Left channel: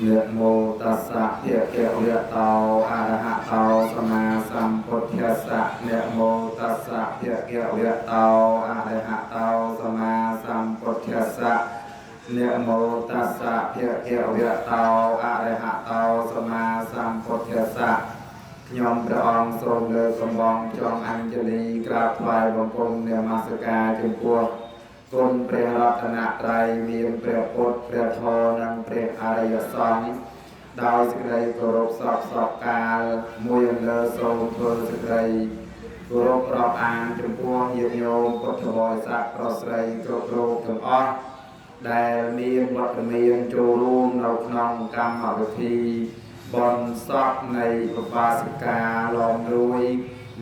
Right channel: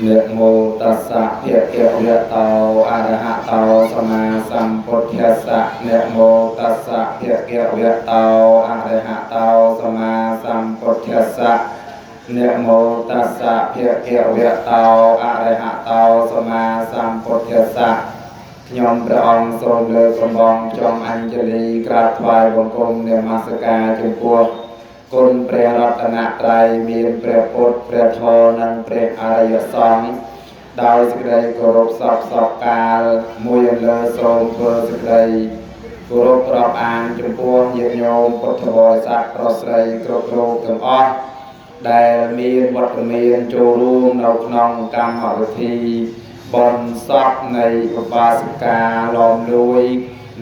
Niệm mô tassa bhagavato arahato sama sambuddhassa. Niệm mô tassa bhagavato arahato sama sambuddhassa. Niệm mô tassa bhagavato arahato sama sambuddhassa. ខ្ញុំព្រះអង្គសូមលើកសំបងចង់អញ្ជលីក្រាបថ្វាយបង្គំនមស្ការចំពោះគុណព្រះរតនត្រ័យមានព្រះពុទ្ធព្រះធម៌និងព្រះអរិយសង្ឃដោយសេចក្តីគោរពសពកាលមួយអន្លើសូមធ្វើសេចក្តីគោរពរាប់អានចំពោះញាតិញោមពុទ្ធបរិស័ទប្រុសស្រីគ្រប់រូបទាំងអស់ដែលមានវត្តមានចូលរួមនៅក្នុងកម្មវិធីបនសពនៃឧបាសិកាឡំលួយ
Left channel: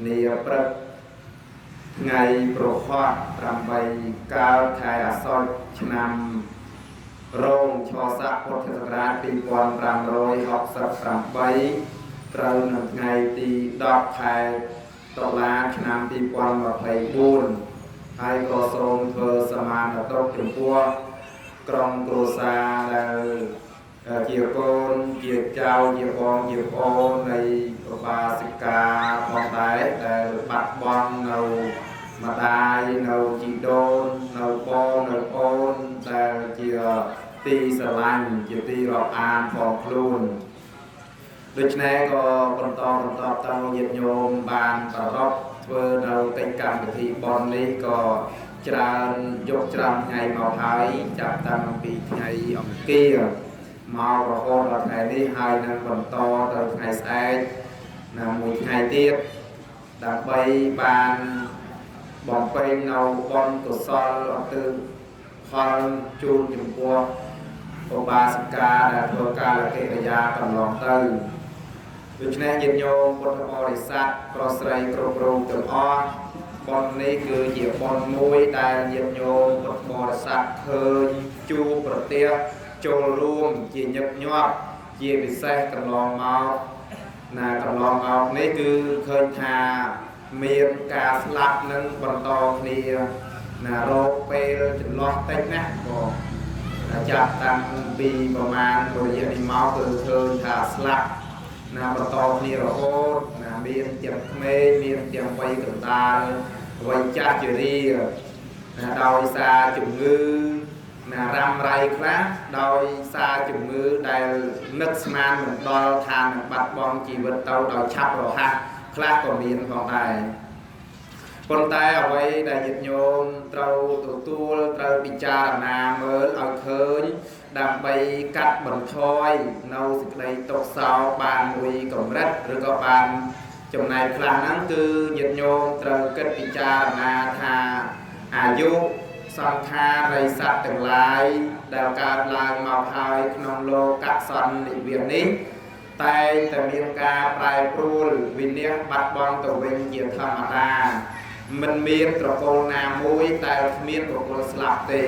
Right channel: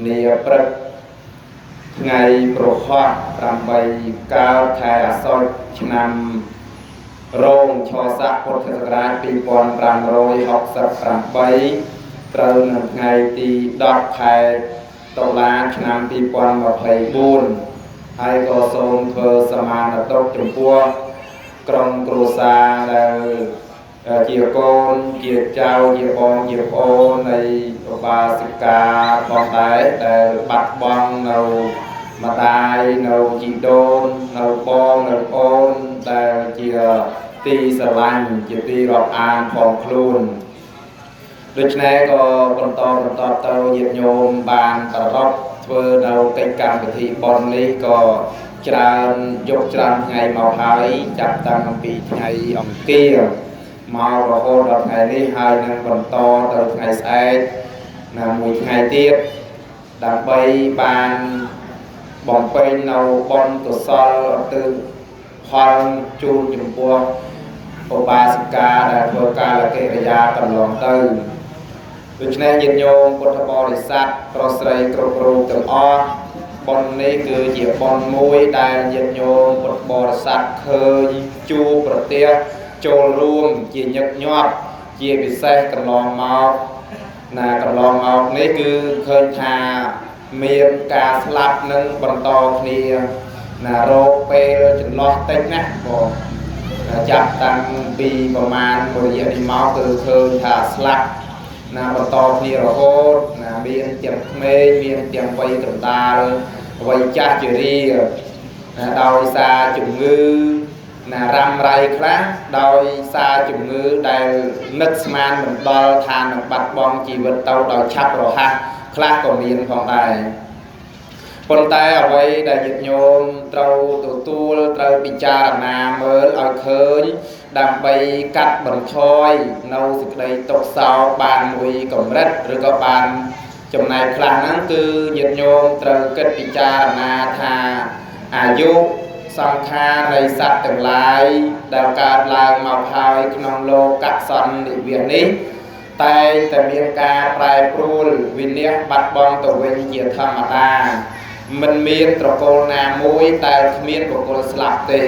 នាព្រឹកថ្ងៃប្រហ័ស8កើតខែអាសត់ឆ្នាំរោងឆស័កពុទ្ធសករាជ2568ត្រូវនៅថ្ងៃទី10ខែតុលាឆ្នាំ2024ហើយក៏សូមធ្វើសមានតុចំពោះក្រុមគ្រួសារដែលជាកូនជាចៅជាបងជាប្អូននៃឧបាសិកាផងដែរដែលបាត់បង់នៅម្ដាយនៅជីដូននៅបងនៅប្អូនដែលជាទីស្រឡាញ់ជាទីរាប់អានផងខ្លួនដូច្នេះក៏បន្តទៅញាតិញោមបានប្រកបធ្វើនៅកិច្ចកម្មវិធីបុណ្យនេះក៏ច្រើនយកច្រើនថ្ងៃមកហើយចាប់តាំងពីថ្ងៃអង្គារមករហូតដល់ថ្ងៃនេះហើយនឹងបន្តទៅថ្ងៃស្អែកមួយថ្ងៃទៀតដើម្បីបានបំពេញនៅបុណ្យកុសលទៅផលជូនចំពោះឧបាសិកាដែលធ្វើកាលកិរិយាកន្លងទៅដូច្នេះញាតិញោមពុទ្ធបរិស័ទប្រុសស្រីគ្រប់រូបទាំងអស់បុណ្យនេះគឺជាបុណ្យមួយដែលញាតិញោមពុទ្ធបរិស័ទឃើញជួបប្រទះចូលរួមជាញឹកញាប់ជាពិសេសកន្លងមកនេះគឺឃើញថាមានការស្លាប់នឹងបន្តគ្នារោគពេលចន្លោះតិចណាបងចាប់តាំងពីប្រមាណមួយរយៈនេះមកគឺឃើញថាស្លាប់បន្តគ្នារហូតមានទាំងក្មេងមានទាំងវ័យកណ្ដាលវ័យចាស់ជរាដោយសារជំងឺរ៉ាំរ៉ៃខ្លះដោយសារជំងឺដែលនឹកស្មានមិនដល់ថានឹងបាត់បង់ជីវិតទៅដោយឆាប់រហ័សខ្លះក៏មានផងដែរប៉ុន្តែអ្វីដែលញាតិញោមត្រូវទទួលត្រូវពិចារណាមើលឲ្យឃើញដើម្បីកាត់បន្ថយនៅសេចក្តីទុក្ខសោកបានមួយកម្រិតឬក៏បានចំណែកខ្លះហ្នឹងគឺញាតិញោមត្រូវគិតពិចារណាថាអាយុសង្ខារនៃសត្វទាំងឡាយដែលកើតឡើងមកហើយក្នុងលោកសន្និវាសនេះតែតែមានការប្រែប្រួលវិនិច្ឆ័យបាត់បង់ទៅវិញជាធម្មតាមិនមានត្រកូលណាមួយតែគ្មានបុគ្គលស្លាប់ទេ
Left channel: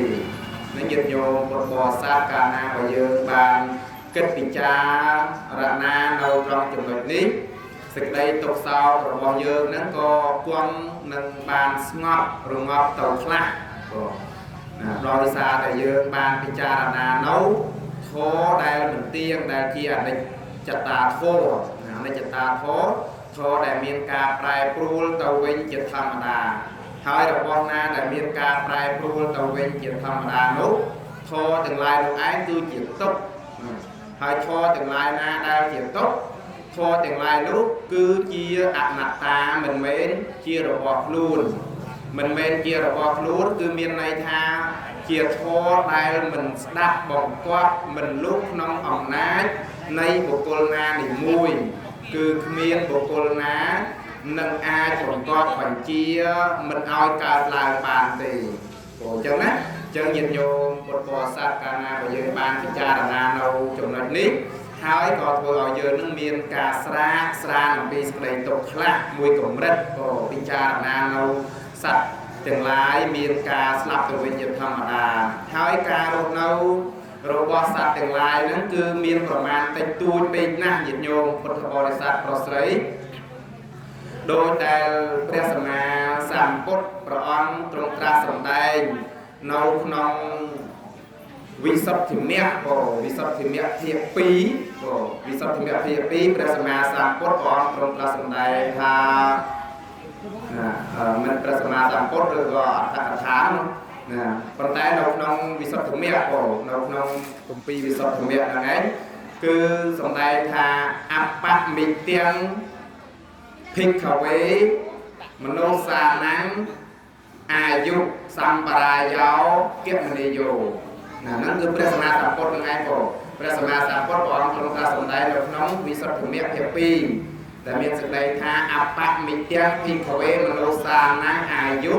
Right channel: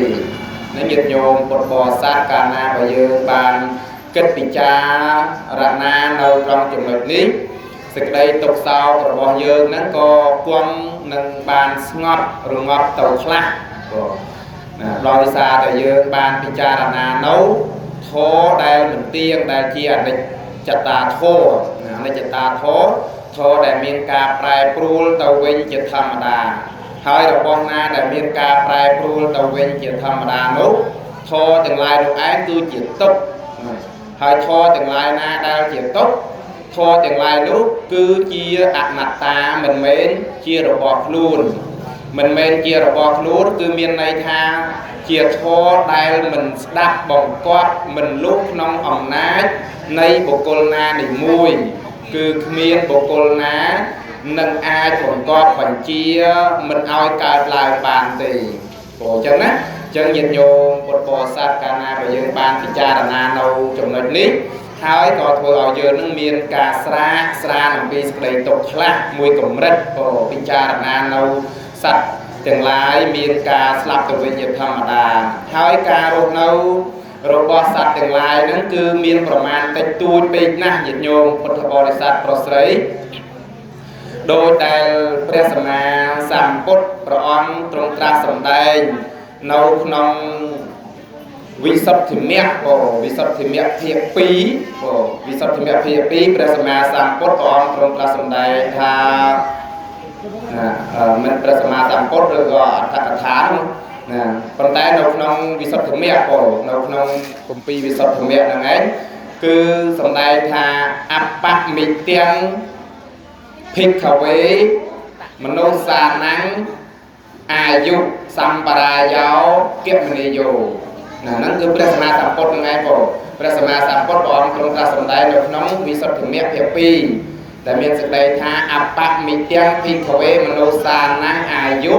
នឹងញាតិញោមពុទ្ធបរិស័ទកាលណាបើយើងបានគិតពិចារណានៅក្នុងចំណុចនេះសេចក្តីទុក្ខសោករបស់យើងហ្នឹងក៏គង់នឹងបានស្ងប់រងាប់ទៅខ្លះដោយសារតែយើងបានពិចារណានៅធម៌ដែលមិនទៀងដែលជាអនិច្ចតាធម៌អនិច្ចតាធម៌ដែលមានការប្រែប្រួលទៅវិញជាធម្មតាហើយរបស់ណាដែលមានការប្រែប្រួលទៅវិញជាធម្មតានោះធម៌ទាំងឡាយនោះឯងគឺជាទុក្ខហើយធម៌ទាំងឡាយណាដែលជាទុក្ខធម៌ទាំងឡាយនោះគឺជាអនត្តាមិនមែនជារបស់ខ្លួនមិនមែនជារបស់ខ្លួនគឺមានន័យថាជាធម៌ដែលមិនស្ដាប់បង្គាប់មិនលុះក្នុងអំណាចនៃបុគ្គលណានីមួយគឺគ្មានបុគ្គលណានឹងអាចបង្គាប់បញ្ជាមិនឲ្យកើតឡើងបានទេព្រោះអញ្ចឹងណាអញ្ចឹងញាតិញោមពុទ្ធបរិស័ទកាលណាបើយើងបានពិចារណានៅចំណុចនេះហើយក៏ធ្វើឲ្យយើងនឹងមានការស្រានអំពីសេចក្តីទុក្ខខ្លះមួយកម្រិតក៏ពិចារណានៅសត្វទាំងឡាយមានការស្លាប់ទៅវិញជាធម្មតាហើយការរស់នៅរបស់សត្វទាំងឡាយហ្នឹងគឺមានប្រមាណតិចតួចពេកណាស់ញាតិញោមពុទ្ធបរិស័ទប្រុសស្រីដោយដែលព្រះសម្មាសម្ពុទ្ធព្រះអង្គទ្រង់ត្រាស់សម្ដែងនៅក្នុង วิสุทธิเมียโอวิสุทธิเมียเพียปีโอวิสุทธิเมียเพียปีพระสมมาสัมพุทธองค์ทรงประสมใดทามันพระสมมาสัมพุทธหรือว่าอัตถกถาตอนแต่ในขนมวิสุทธิเมียโอในขนมกุมปีวิสุทธิเมียนั่นเองคือสมใดทาอัปปะมิเตียงพิกขเวมโนสานังอายุสัมปรายาวเก็บมณีโยนั่นคือพระสมมาสัมพุทธยังไงโปพระสมมาสัมพุทธองค์ทรงตรัสสมได้ในน้องวิสุทธิเมียเพียปีแต่เมียสดายทาอัปปะมิเตียงพิขเวมโนสานังอายุ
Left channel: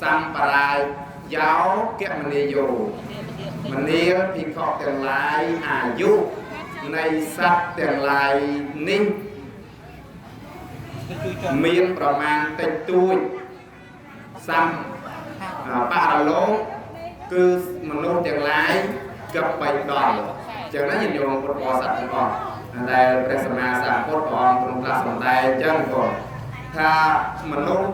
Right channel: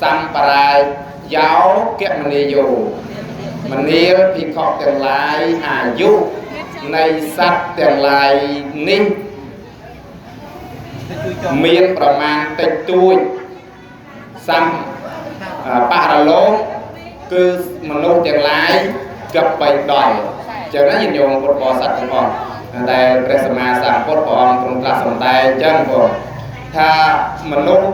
สัมปรายาวเก็บมณีโยมันนี้พิขอกแต่ลายอายุในสัตว์แต่ลายนี้มีประมาณติดตัวซ้ำปะระโลคือมนุษย์อย่างไรกับไปดอยจากนั้นยินยงปรบสัตว์ทั้งหมดได้พระสมมาสัมพุทธองค์ทรงตรัสสมได้เช่นก่อนถ้ามนุษย์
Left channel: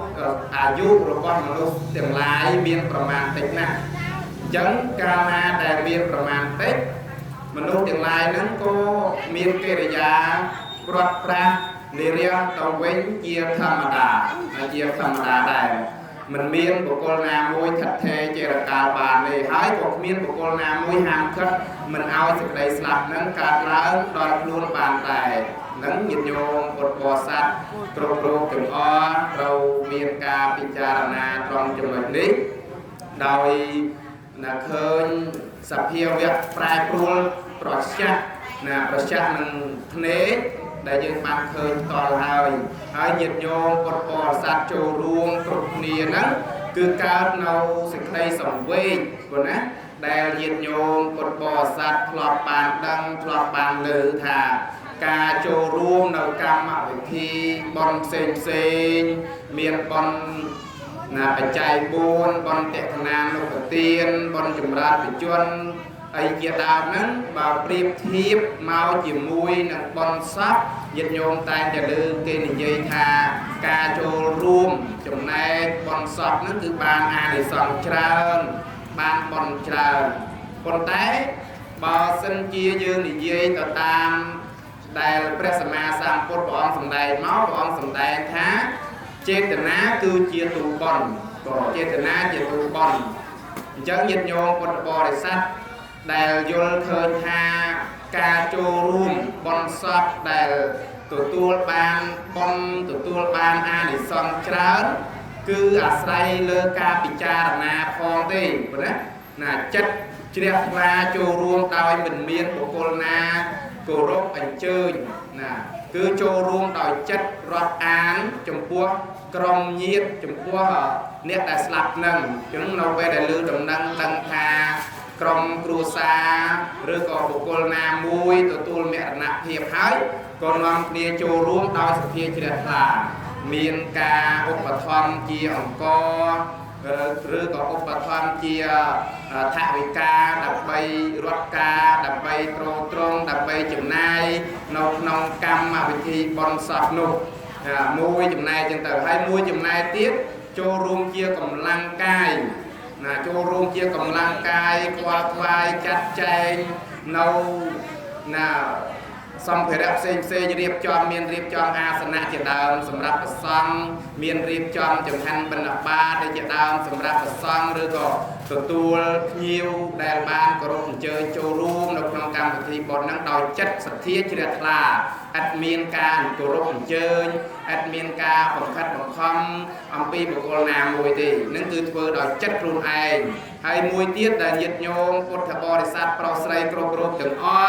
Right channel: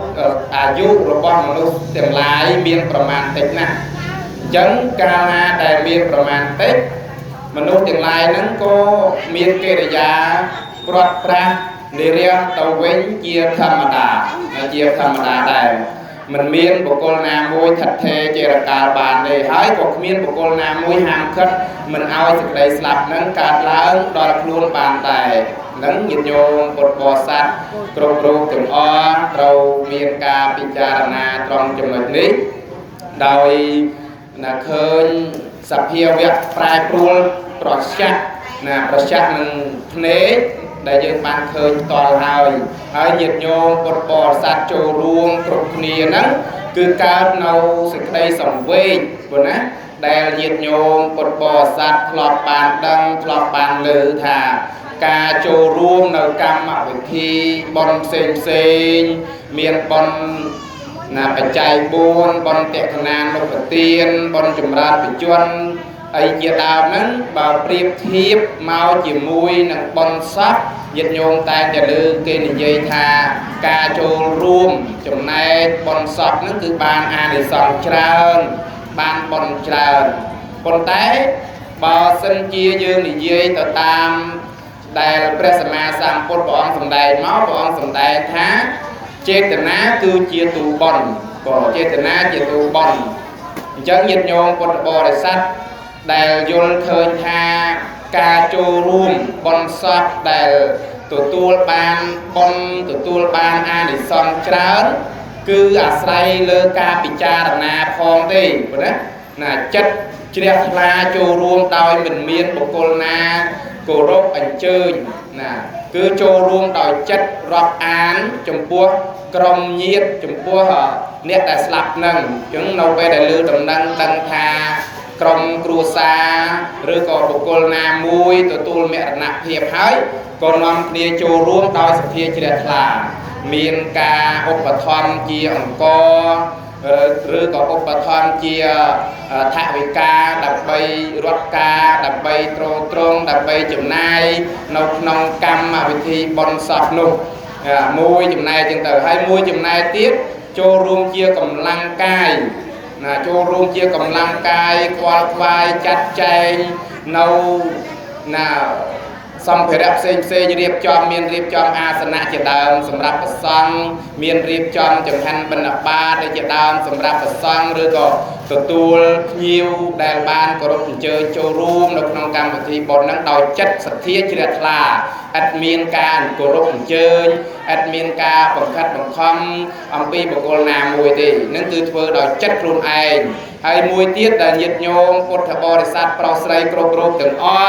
อายุរបស់มนุษย์อย่างไรมีประมาณติดนะจังการมาได้มีประมาณติดมนุษย์อย่างไรนั้นก็มีกิริยาปรดปรานในเรื่องตะเวนเจียธรรมดาได้มันมีบุคคลนามวยถัดเทเจรตาบานเลยหายก็มีบุคคลนามวยหามคัดมันเอาสิ่งใดสลับนั้นการล้างดอยครูนบานแต่นั้นยินโยมปดบอสัตตรงรูปถึงอ้อเรามีการพิจารณาตรงจุดนี้โดยเคยสัพเพเวทปลายปรุงตรอชักประชักมันเนได้ยินบางเคยต่อให้ยินโยมปดบอสัตโจรวงตรงนี้นั้นคือการเอาสิ่งใดส่งเวทบนนั้นได้ยินโยมปดบอสัตคลอบปานดังคลอบปานลือถาการโจรวงในกรรมวิธีบนเซงเมียนบนปัจจัยบุญบนเตะขนานนกเตียนบนจุมราปิจวนไอเกียดาวนั้นบ่เปรียบเทียบเมาจิมวยนังบนซับยินโยมตายจะลือเกณฑ์เยธากาโจรวมจุมในบนซับนั้นคือบานอานิสงส์เจริญบานบนเจริญบนแต่บ่สัญจียืนเยต่อตามได้พระสมมาสัมพุทธองค์สมได้เมาพระองค์สมได้ท้าเจตนาคือเจตุบอนก็เจตนาเจตุบอนจังยินโยมปนบริษัทได้ยนเทินทากาโจรูมบอนซับได้ตัวบานบอนตัวบานอานิสงส์เจริญคืออาศัยเลือกาปิจารณาพองได้นะจัดเจียธนาโจรูมโดยมันเมียนบุคคลนาโกรบอันเชิญคือโจรวมต่อจัดรับอ่านจมพัวกรมเยียดจมพัวเนี่ยแต่สลับนั่งจึงเราไปได้ลือตำนังตังทากรมครูซาหรือก็บุคคลนามวยตัวตูลเมรณะเพียบหายก็นำเนียโจรวมต่อสเทียเจริญลามีนกาอุปธรรมเจียองกหรือก็อุปธรรมเจียทะวิกาดับใบรถกาดับใบตรงดับใบจุ่มนายนองกรรมวิธีบนสอบนุมวยจุ่มนายจึงแต่ให้มวยจุ่มนายtiếpโจรวมเจียกำลังกายโจรวมเจียกำลังกายควายจัดใจสัมเพระเซนเรียบจอมเมียนเรียบจอมอาสนะเจดามสำหรับประสังเมียนเรียบจอมจังหันบรรณาบาได้เจดามสำหรับประสังหรือก็ตัวยิวได้บานกรบเจอโจรูมในขนมกรรมวิธีบนนั้นโดยจัดสัตย์เจริญลาอัดเมียนการกรบเจออัดเมียนการบังคับบังคำอัมพีบุคคลนามวยดีนั่นคือเพื่อโดยจัดกลุ่มเองให้มวยเตี้ยได้ยึดโยงพุทธบริษัทปราศัยกรบรูปถึงอ้อ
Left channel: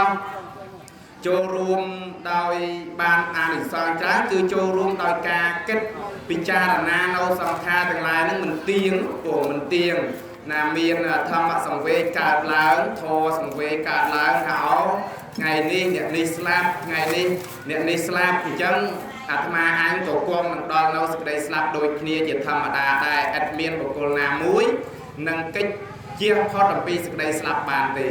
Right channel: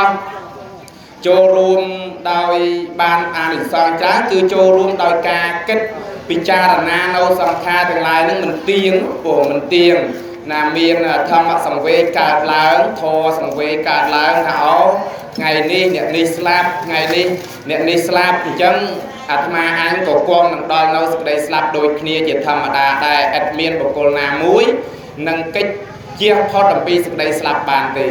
โจรวมโดยบานอานิสงส์จ้าคือโจรวมโดยการคิดพิจารณาเราสังขารทั้งหลายนั้นมันเตียงมันเตียงมีนธรรมสังเวชการล้างโทสังเวชการล้างเขาไงนี่เนี่ยนิสลาบไงนี่เนี่ยนิสลาบจังอาตมาอันก็กองดอนเราสกได้สลับโดยเคลียร์จิตธรรมดาได้แอดเมียนบุคคลนามุ้ยนั่งกิจเจียพอดปีสกได้สลับบานตี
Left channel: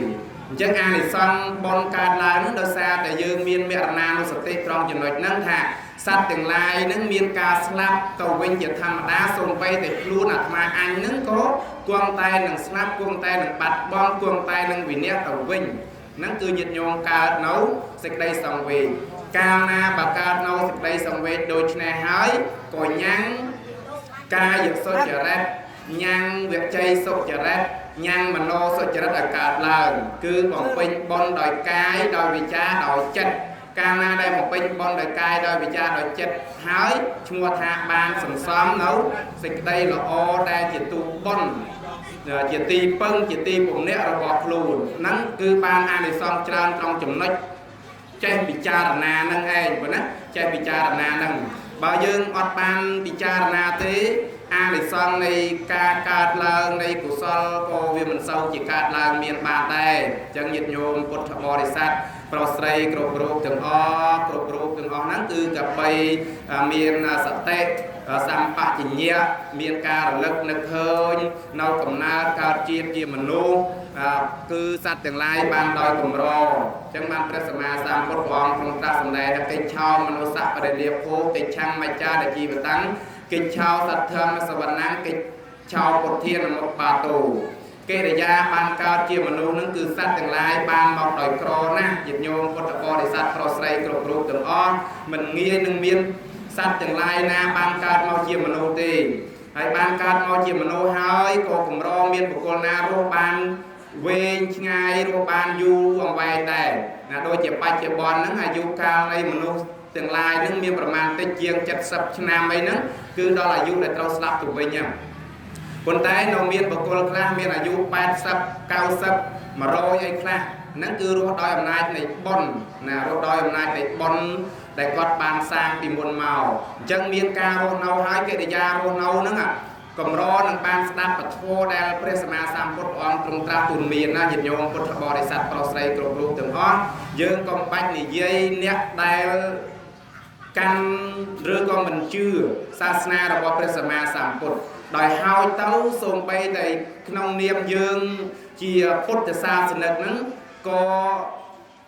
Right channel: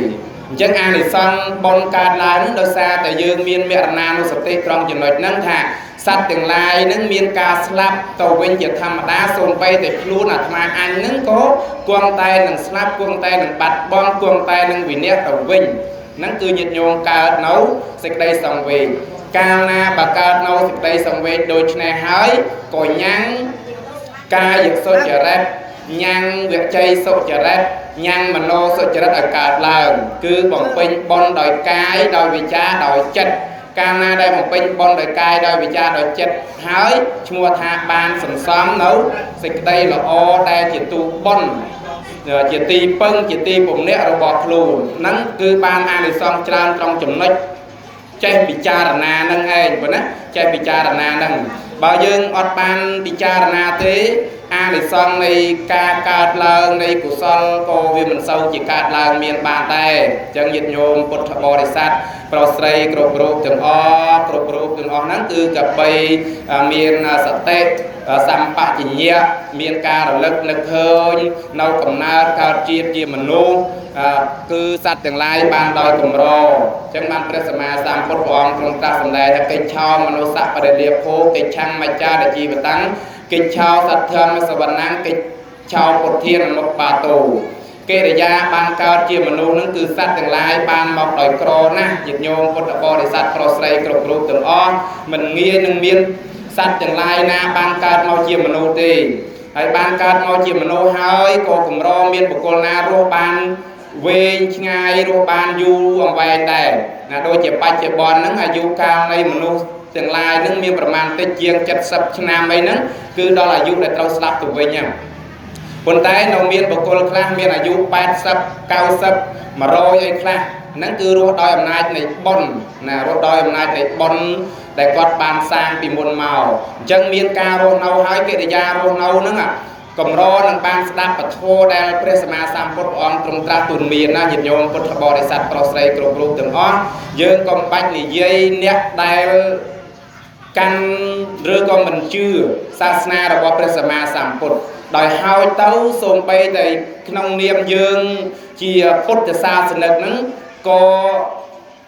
จังอานิสงส์บนการล้างโดยซาแต่ยืนเมียนเมรนานุสติตรองจนหมดนั่งท่า sát từng lai nâng miên ca slap tàu vinh chỉ tham đá xôn bay để luôn là mà anh nâng có quăng tay nâng slap quăng tay nâng bạch bom quăng tay nâng vì nét tàu vinh nâng cứ nhiệt nhôm ca nấu dịch đây xong về ca na bà ca nấu dịch đây xong về đôi chân này hỡi còi nhang ca dịch sốt chả rách nhang việc chay sốt chả rách nhang mà nô sốt chả rách ở cả lần cứ bọn pin bon đòi cái đòi vì cha đòi chất ca na đây một pin bon đòi cai đòi vì cha đòi chất hỡi mua tha ban sừng xóm nấu dịch đây là o đây chỉ tu bon chỉ ti pưng chỉ ti bụng nét rồi bọt lùn nắng cứ ban ăn thì xong tràn trong chùm nách chạy bị cha là na nâng ngay vậy nè chạy bị cha là na nâng bao dương ọt ban bị cha là na thế ăn thì xong này ca lợn này của sol cô vì mình sâu chỉ ca lợn miền bàn tay chân nhiệt nhôm cột bò để sát prosray cột group từng o nắng từ cặp bay miền sạch tết xăm bạc chỉ nhẹ miền ca rồi lực hơi nâu cầm na ca chia mình luôn cứ sát từng lai ban đòi cầm rò chẳng ban presma sam phốt bòn trong ta sầm đại cây chao mà nó sạ và để liệp phố cây chăng mà cha để chi và tăng cây chao sát thơm mà sờ nắng cây chao cột thiên một bà tù cây để ra ban cao chia mình luôn nó cứ sát từng lai ban mọc đòi cro na nhiệt nhôm cột bò để sát prosray cột group từng o mình nghe nâng miên sát từng lai na ban cao mau chia mình luôn đi hay ban cao mau chia mình luôn hơi cô cùng ro miên của cô na ro ban về ngay rồi ban du ở vài đây là đôi chỉ ba chỉ bòn nắng là du cao đây mình luôn tương lai nắng miền Bắc Man tây chiang chặt sập nam ấy nắng cứ đó là du để trâu slap tụi về nhau còn tay nông miền Bắc Col Clang miền là du ba sập cao sập mà rồi ấy Clang nắng cứ rồi đòi âm nay này bon là rồi đòi âm nay này bon để quạt bàn sang tìm một màu chân miền ca rồi nâu hai cái để ra rồi nâu nữa à cầm ro nâng ban đáp bạch thô đa presma sam phốt on trong tra tuần miền na nhiệt nhôm phốt bò để sạch prosray cột group từng on dương công bách này dây nét đai căn rơi con mình chưa sasna rồi bò presma sam phốt đòi hao tấu xôn bay tại nông niệm dương chia phốt để xa sinh lực nắng có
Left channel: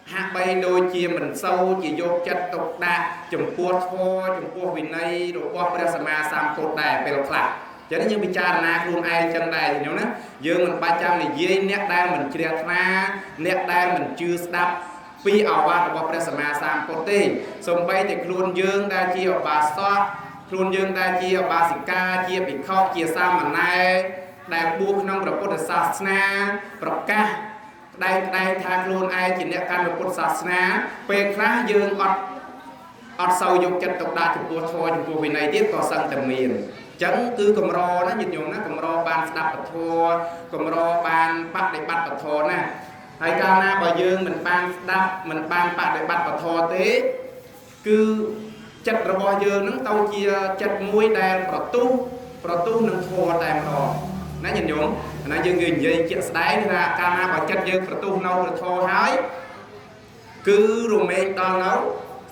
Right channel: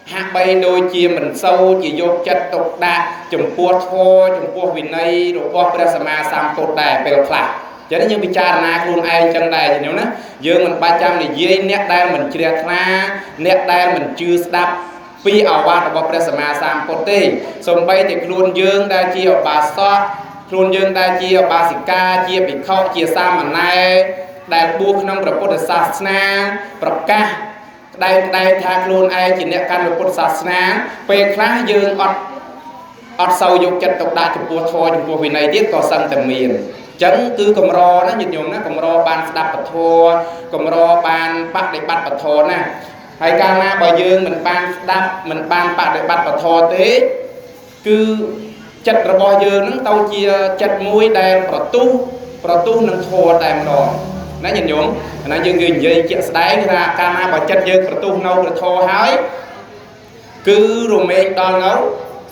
hạ bay đôi chia mình sâu chỉ vô chất tục đa chủng pua thô chủng pua vì này rồi bò presma sam phốt đài bèo khạc cho nên như bị cha na luôn ai chân đây thì nhớ nó dương mình 300 thì dây nét đây mình chia ra nét đây mình chưa đáp pi ở qua của presma sam pote xong bay thì luôn dương đây chia bà so luôn dương đây chia bà sika chia bị khóc chia sa mà nay đây buộc năm rồi pote sasna praka đây tha luôn ai chỉ nét căn rồi pote sasna pe khá dương ọt sâu dục chất tộc đa chụp bùa thôi chụp bùa vì này tiếc có sân tầm miền chấn cứ cầm ro nó nhiệt nhôm nó cầm ro ban đạp bạch thô cầm ro ban bắt để bắt bạch thô nè hay ca na bờ dương mình ban đạp mình ban bắt để bắt bạch thô thế cứ chặt rồi bờ dương nó tàu chia chặt mũi đèn bờ tu nâng thô đèn rồi nó nhiệt nhôm nó dương người dây chẹt đáy ra ca na bờ chặt dương bờ tu nâu bờ thô hái cứ rồi mình đo nấu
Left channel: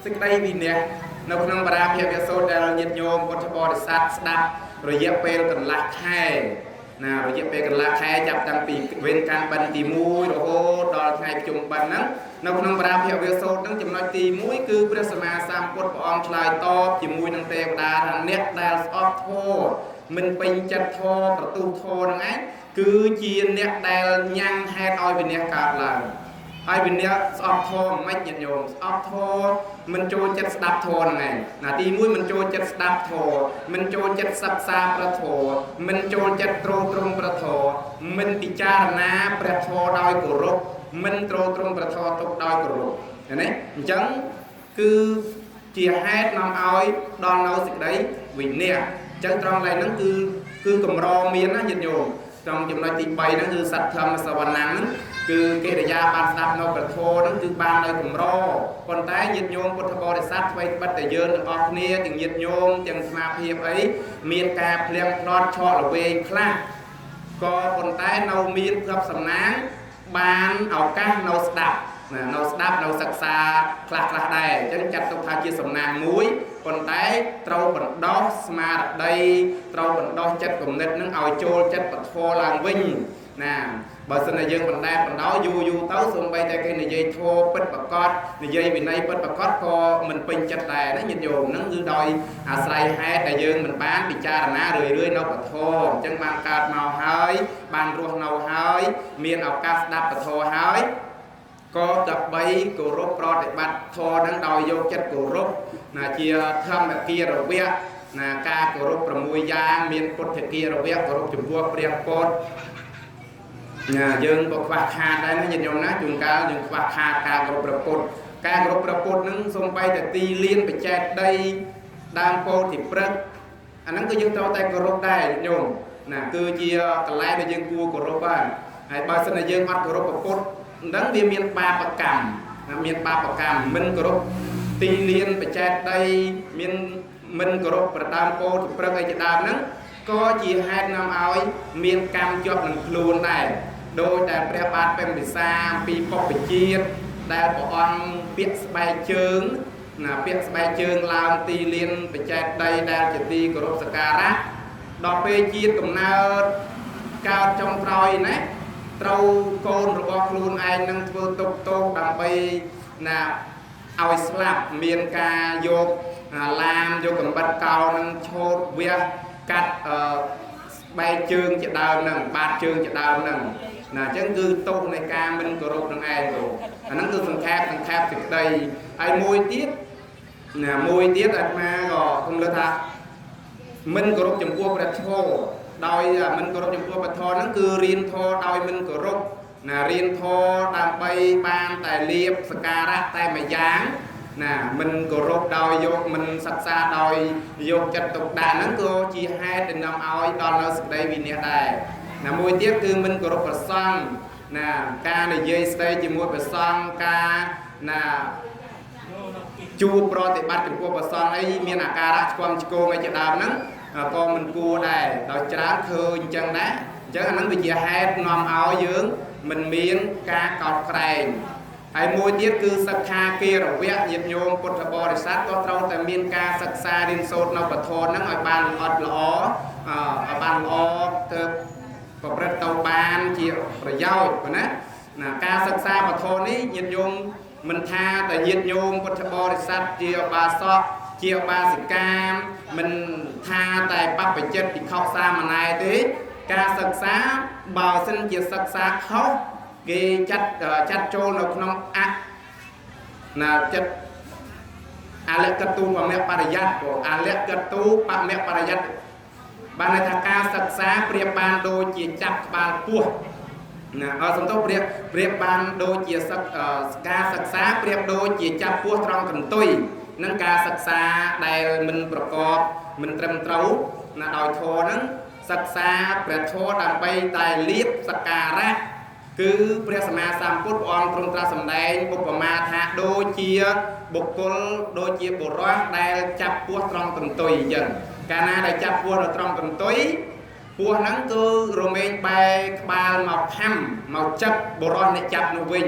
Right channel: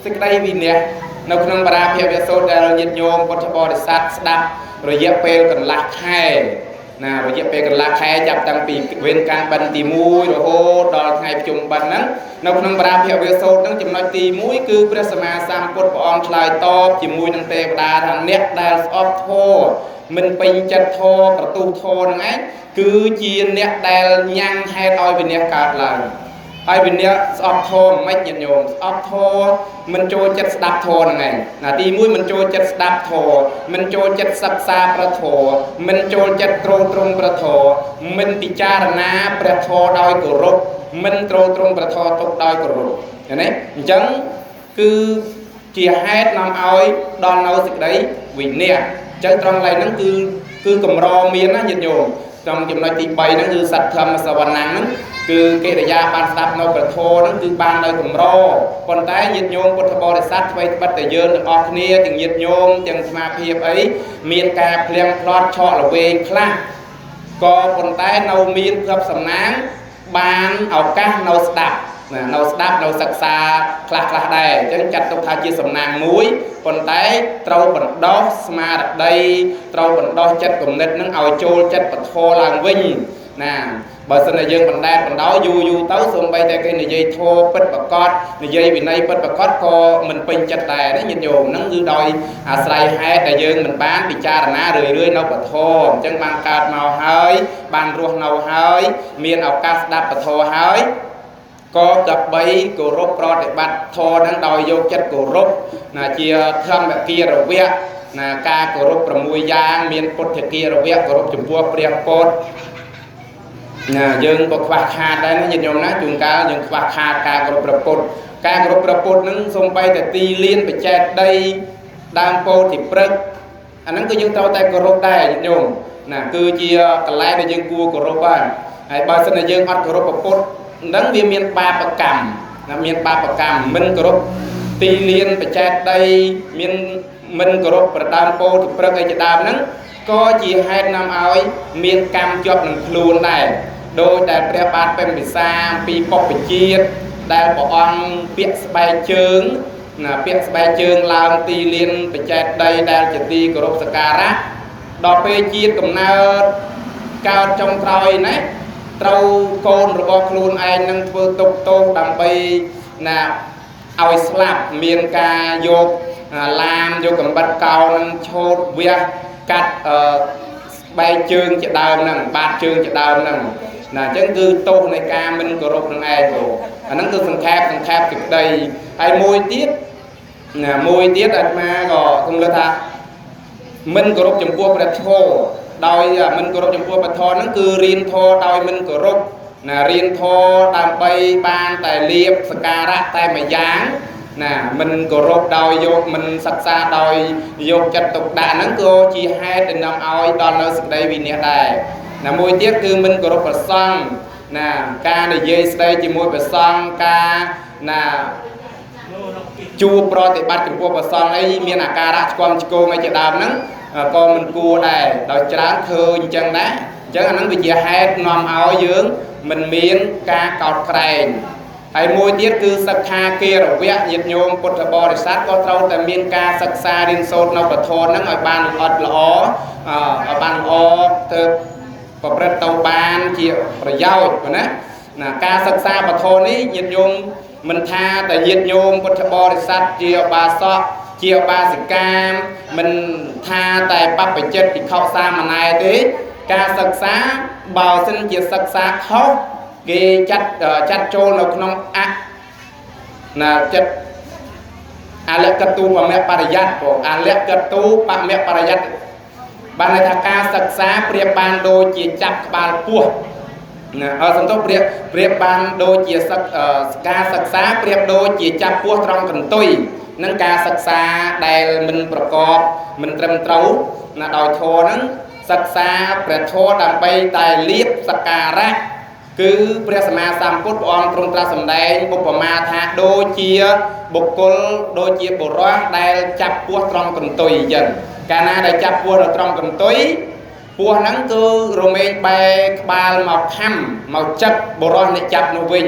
cái đây vì nè nó không bara phía bên sâu đây nhiệt nhôm con bò để sát đạp rồi dẹp pe còn lạc khai nè rồi dẹp pe còn lạc khai chập tăng pì bên can bần tì mũi rồi hô đo ngày chung bần á nó không bara phía bên sâu nó chấm nói tì mũi cứ presma sam cột bòn slide top chỉ mũi năng tê đa thằng nét đa off thô mình pin chặt thôประตู thô này cứ chia nét đa nhang hay đôi bên nét card là ai bên nét off thô mấy nhiệt nhôm off thô mình cho chất đạp thô này là tí mũi mình cho chất đạp thô mình cho chất sắp xa pra thô mình cho chất trung pra thô mình bị cha na pra thô đôi cổ rục mình trung pra thô tục đôi cổ rục này chẳng cứ chia hết năm ơi đòn nấu dịch đấy vì nè chân trong này nó cứ cầm ro miếng á nhiệt nhôm trong chừng nói tí bay nó cứ sạch thơm mà sao ban nắng cứ cái để ra ban đạp nó bật thô nó cứ ban đây cùng ro còn tay nhiệt nhôm con bò để sát vây bắt để dơ được off nia chừng nhiệt nhôm chừng mà phiệp ấy miền cà phèm lót cho là về class có còn tay nâu miền gặp sầm nắng ban ở các nâu đạp nâu sặc xa class đây chứ chặt tục thay chia sầm nàng muối còn tay trâu bẩn đó mà đặt đây trâu bẩn đó chất cùng nết nó ao trôi chất bật thô làng vinh nè បើសិនតែយើងបណ្ដែតបណ្ដោយយូរទៅសូម្បីតែគេនិយាយធម៌ពិតប្រកបនិយាយវិន័យពិតប្រកបក៏មិនពេញចិត្តដែរណាញាតិញោមហ្នឹងគឺដោយអាស្រ័យហេតុដែលយើងមិនបានពិចារណារឿយៗនៅពធអញ្ចឹងបានកើតមកហើយបានរស់នៅហើយមានឱកាសស្ដាប់ពធហើយក៏ដើម្បីគោរពប្រតិបត្តិធម៌ហ្នឹងដោយយកចិត្តគោរពណាជាធម្មគារវៈណាការគោរព6យ៉ាងមានពុទ្ធគារវៈគោរពចំពោះព្រះពុទ្ធណាយើងក៏ខ្វះខាតដែរណាញាតិញោមណាជួនកាលយើងខ្វះខាតការគោរពព្រះពុទ្ធការគោរពព្រះពុទ្ធហ្នឹងសូម្បីតែទីលានបច្ចេកដីដើមពោធិព្រឹក្សអាហ្នឹងគឺយើងត្រូវតែគោរពដែរញាតិញោមណាគឺជាកន្លែងដែលយើងគួរគោរពហើយបើសិនជាយើងអត់គោរពព្រះពុទ្ធហ្នឹងវាមានបាបកម្មណាមានបាបកម្មមិនគោរពទីលានបច្ចេកដីមានមិនគោរពប្រដើមពោធិព្រឹក្សអីជាដើមហ្នឹងក៏ជាហេតុនាំឲ្យមានកម្មជាប់នឹងខ្លួនដែរដោយតែព្រះបាទពេញពិសាអំពីពុព្វជាតិដែលព្រះអង្គពាក់ស្បែកជើងណាពាក់ស្បែកជើងឡើងទីលានបច្ចេកដីដែលជាទីគោរពសក្ការៈដល់ពេលជាតិកំណើតកើតចុងក្រោយណាត្រូវកូនរបស់ខ្លួនឯងនឹងធ្វើទុកទោសដើម្បីណាឲ្យស្លាប់មានការយកឡាមយកកំបិតកោនឹងឆោតវះកាត់ស្បែកជើងជាដើមហ្នឹងបាតជើងជាដើមហ្នឹងណាអញ្ចឹងគឺទោសនៃការមិនគោរពនឹងឯងអាហ្នឹងគឺសង្ខេបសេចក្តីហើយមួយទៀតអាត្មាក៏ខ្ញុំលើកថាមិនគោរពចំពោះព្រះធម៌ដោយមិនគោរពចំពោះព្រះធម៌ហ្នឹងគឺរៀនធម៌ដោយមិនគោរពណារៀនធម៌ដើម្បីបានតែលៀបសក្ការៈតែមួយយ៉ាងណាមិនគោរពដោយយកមិនសិក្សាដោយយកចិត្តទុកដាក់ហ្នឹងក៏ជាហេតុដែលនាំឲ្យដល់នៅសេចក្តីវិនាសដែរណាមួយទៀតគឺមិនគោរពព្រះសង្ឃណាការនិយាយស្ដីជាមួយព្រះសង្ឃការណាជួបប្រតិបត្តិចំពោះព្រះសង្ឃអីមានអាការៈឆ្គាំឆ្គងអីជាដើមហ្នឹងក៏មិនគួរដែរដោយច្រើនឃើញអញ្ចឹងដែរអញ្ចឹងអាហ្នឹងវាជាហេតុនាំឲ្យយើងមិនមានការកោតក្រែងហើយមួយទៀតគឺសិក្ខាគារវៈញាតិញោមពុទ្ធបរិស័ទក៏ត្រូវតែមានការសិក្សារៀនសូត្រនៅពធហ្នឹងឲ្យបានល្អឲ្យបានល្អទៅប្រព្រឹត្តទៅបានជាប្រយោជន៍ណាការសិក្សាពធនេះញាតិញោមមិនថាតែញាតិញោមពុទ្ធបរិស័ទជាឧបាសកជាឧបាសិកាមិនថាតែបព្វជិតភិក្ខុសាមណេរទេការសិក្សាបើសិនជាសិក្សាខុសគេចាត់ចូលនៅក្នុងចិត្តអលកតុបមបរិយ័តអលកតុបមបរិយ័តបានថាការសិក្សាប្រៀបបានដូចជាចាប់ក្បាលពោះណាសំទោសប្រៀបបានដូចជាការសិក្សាប្រៀបដូចជាចាប់ពោះត្រង់កន្ទុយនឹងការសិក្សាដែលមិនប្រកបមិនត្រឹមត្រូវណាដោយធម៌ហ្នឹងសិក្សាព្រះធម៌ដើម្បីតែលៀបសក្ការៈគឺព្រះសម្មាសម្ពុទ្ធព្រះអង្គទ្រង់ត្រាស់សម្ដែងឧបមាថាដូចជាបុគ្គលដូចជាបុរសដែលចាប់ពោះត្រង់កន្ទុយអញ្ចឹងកាលណាដែលចាប់ពោះនៅត្រង់កន្ទុយពោះហ្នឹងគឺរមែងបែរក្បាលមកខំមកចិត្តបុរសអ្នកចាប់នោះវិញ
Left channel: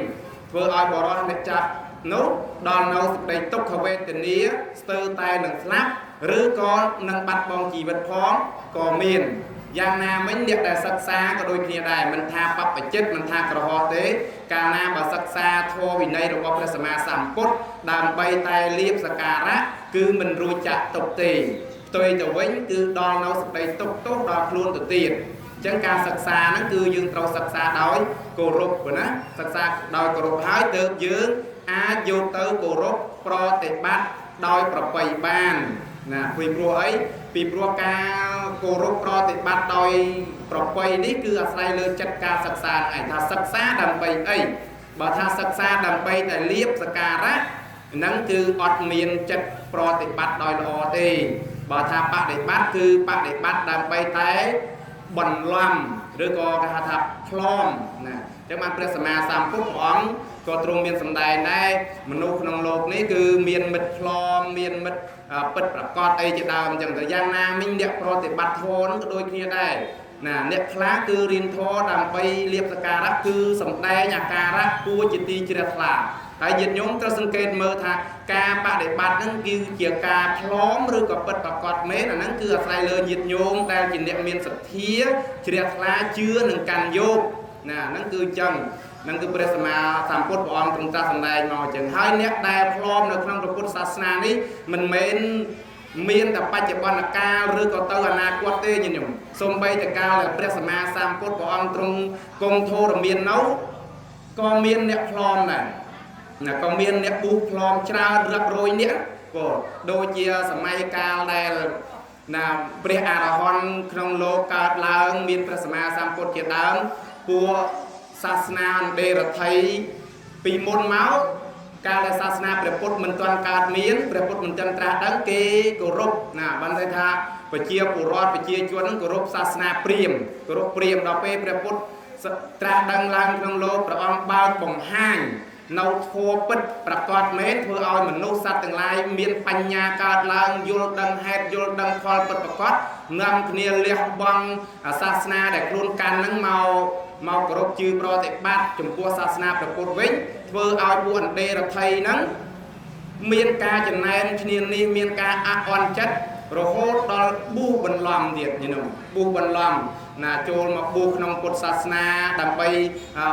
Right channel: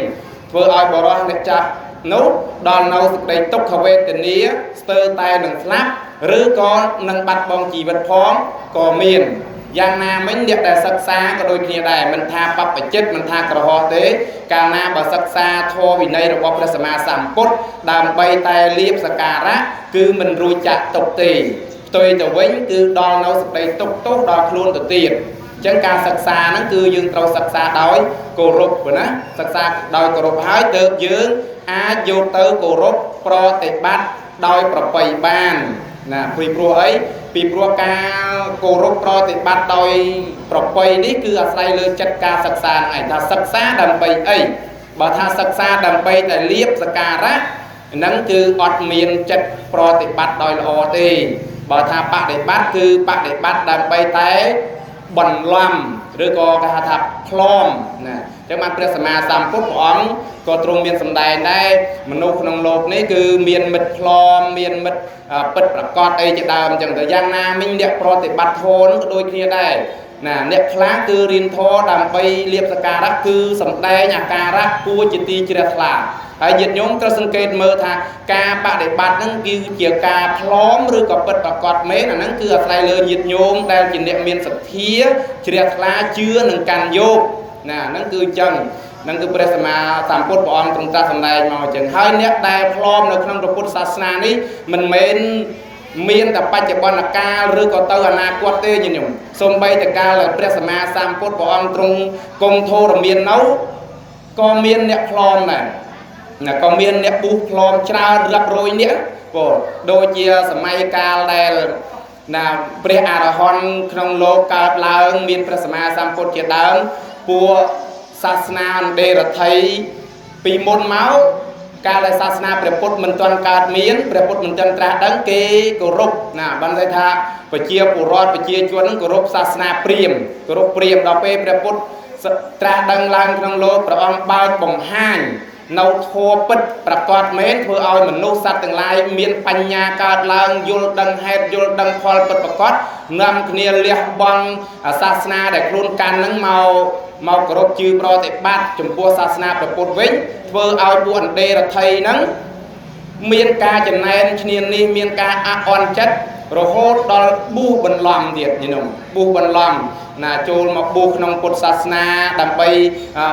ធ្វើឲ្យបុរសអ្នកចាប់នោះដល់នៅសេចក្តីទុក្ខវេទនាស្ទើរតែនឹងស្លាប់ឬក៏នឹងបាត់បង់ជីវិតផងក៏មានយ៉ាងណាមិញអ្នកដែលសិក្សាក៏ដូចគ្នាដែរមិនថាបព្វជិតមិនថាក្រហមទេកាលណាបើសិក្សាធម៌វិន័យរបស់ព្រះសម្មាសម្ពុទ្ធដើម្បីតែលៀបសក្ការៈគឺមិនរួចចាក់ទុកទេផ្ទុយទៅវិញគឺដល់នៅសេចក្តីទុក្ខទោសដល់ខ្លួនទៅទៀតអញ្ចឹងការសិក្សាហ្នឹងគឺយើងត្រូវសិក្សាដោយគោរពណាសិក្សាដោយគោរពហើយទើបយើងអាចយកទៅគោរពប្រតិបត្តិដោយប្រពៃបានណាពីព្រោះអីពីព្រោះការគោរពប្រតិបត្តិដោយប្រពៃនេះគឺអាស្រ័យលើចិត្តការសិក្សាហ្នឹងឯងថាសិក្សាដើម្បីអីបើថាសិក្សាដើម្បីតែលៀបសក្ការៈហ្នឹងគឺអត់មានចិត្តប្រតិបត្តិដោយល្អទេបើថាបដិបត្តិគឺបដិបត្តិដើម្បីតែបន្លំឬក៏គេហៅថាផ្លំណាចឹងបានព្រះសម្មាសម្ពុទ្ធព្រះអង្គក៏ទ្រង់មានសម្ដែងដែរមនុស្សក្នុងโลกនេះគឺមានមិត្តផ្លំមានមិត្តពិតប្រកបអីជាដើមអញ្ចឹងទៅយ៉ាងណាមិញអ្នកប្រតិបត្តិធម៌ក៏ដូចគ្នាដែរណាអ្នកខ្លះគឺរៀនធម៌ដើម្បីលៀបសក្ការៈគឺសម្ដែងអាការៈគួរជាទីជ្រះថ្លាហើយញាតិញោមត្រូវសង្កេតមើលថាការបដិបត្តិហ្នឹងគឺជាការផ្លំឬក៏ពិតប្រកបមែនអាហ្នឹងគឺអាស្រ័យលើញាតិញោមដែលជាអ្នកមានសទ្ធាជ្រះថ្លាជឿនឹងកាន់យក nè nó cứ chân nó cứ bây giờ mà tam phút bọn chúng ta thành này mà chừng hai nét đài plom được trong tập phút sát ní mình mến miên tập bạch bọn là ca rư có tơ là quát tê như nhung xôm bay từ ca là bây giờ mà tam phút bọn trong công thô rồi miên nấu có miên nét plom này là có miên nét bút plom trao rập rồi nét đôi chia sầm ca đây là pre arahon trong lô cao lang miên pre sama sam phút chia đám pua sasna đề là thấy pi môn máu ca là sasna pre phút mình toàn cao miên pre phút mình toàn tra đắng kê cổ rục nè ban thay tha phải chia cổ rọt phải chia chuan cổ rục sasna priêm đó pre phút tra đắng lang trong lô pre ông bao bồng hang nấu thua bứtประกอบเม้นเพื่อเอาเหมือนลูกสัตว์ต่างหลายมีปัญญาการลางยุลดังเฮดยุลดังพอลประกอบนำเนียเลี้ยบังศาสนาแต่ครูการนั่งเมากรบจือปรติบัติจุ่มปัวศาสนาประปุวิ่งเพื่อเอาบุญเดรไทยนั่งมีการจะแนนเนียนนี้มีการอ่อนจัดโรโหดอลบูบันลอมเดียดนี่น้องบูบันลอมนะโจลมาบุกนองพุทธศาสนาดำไป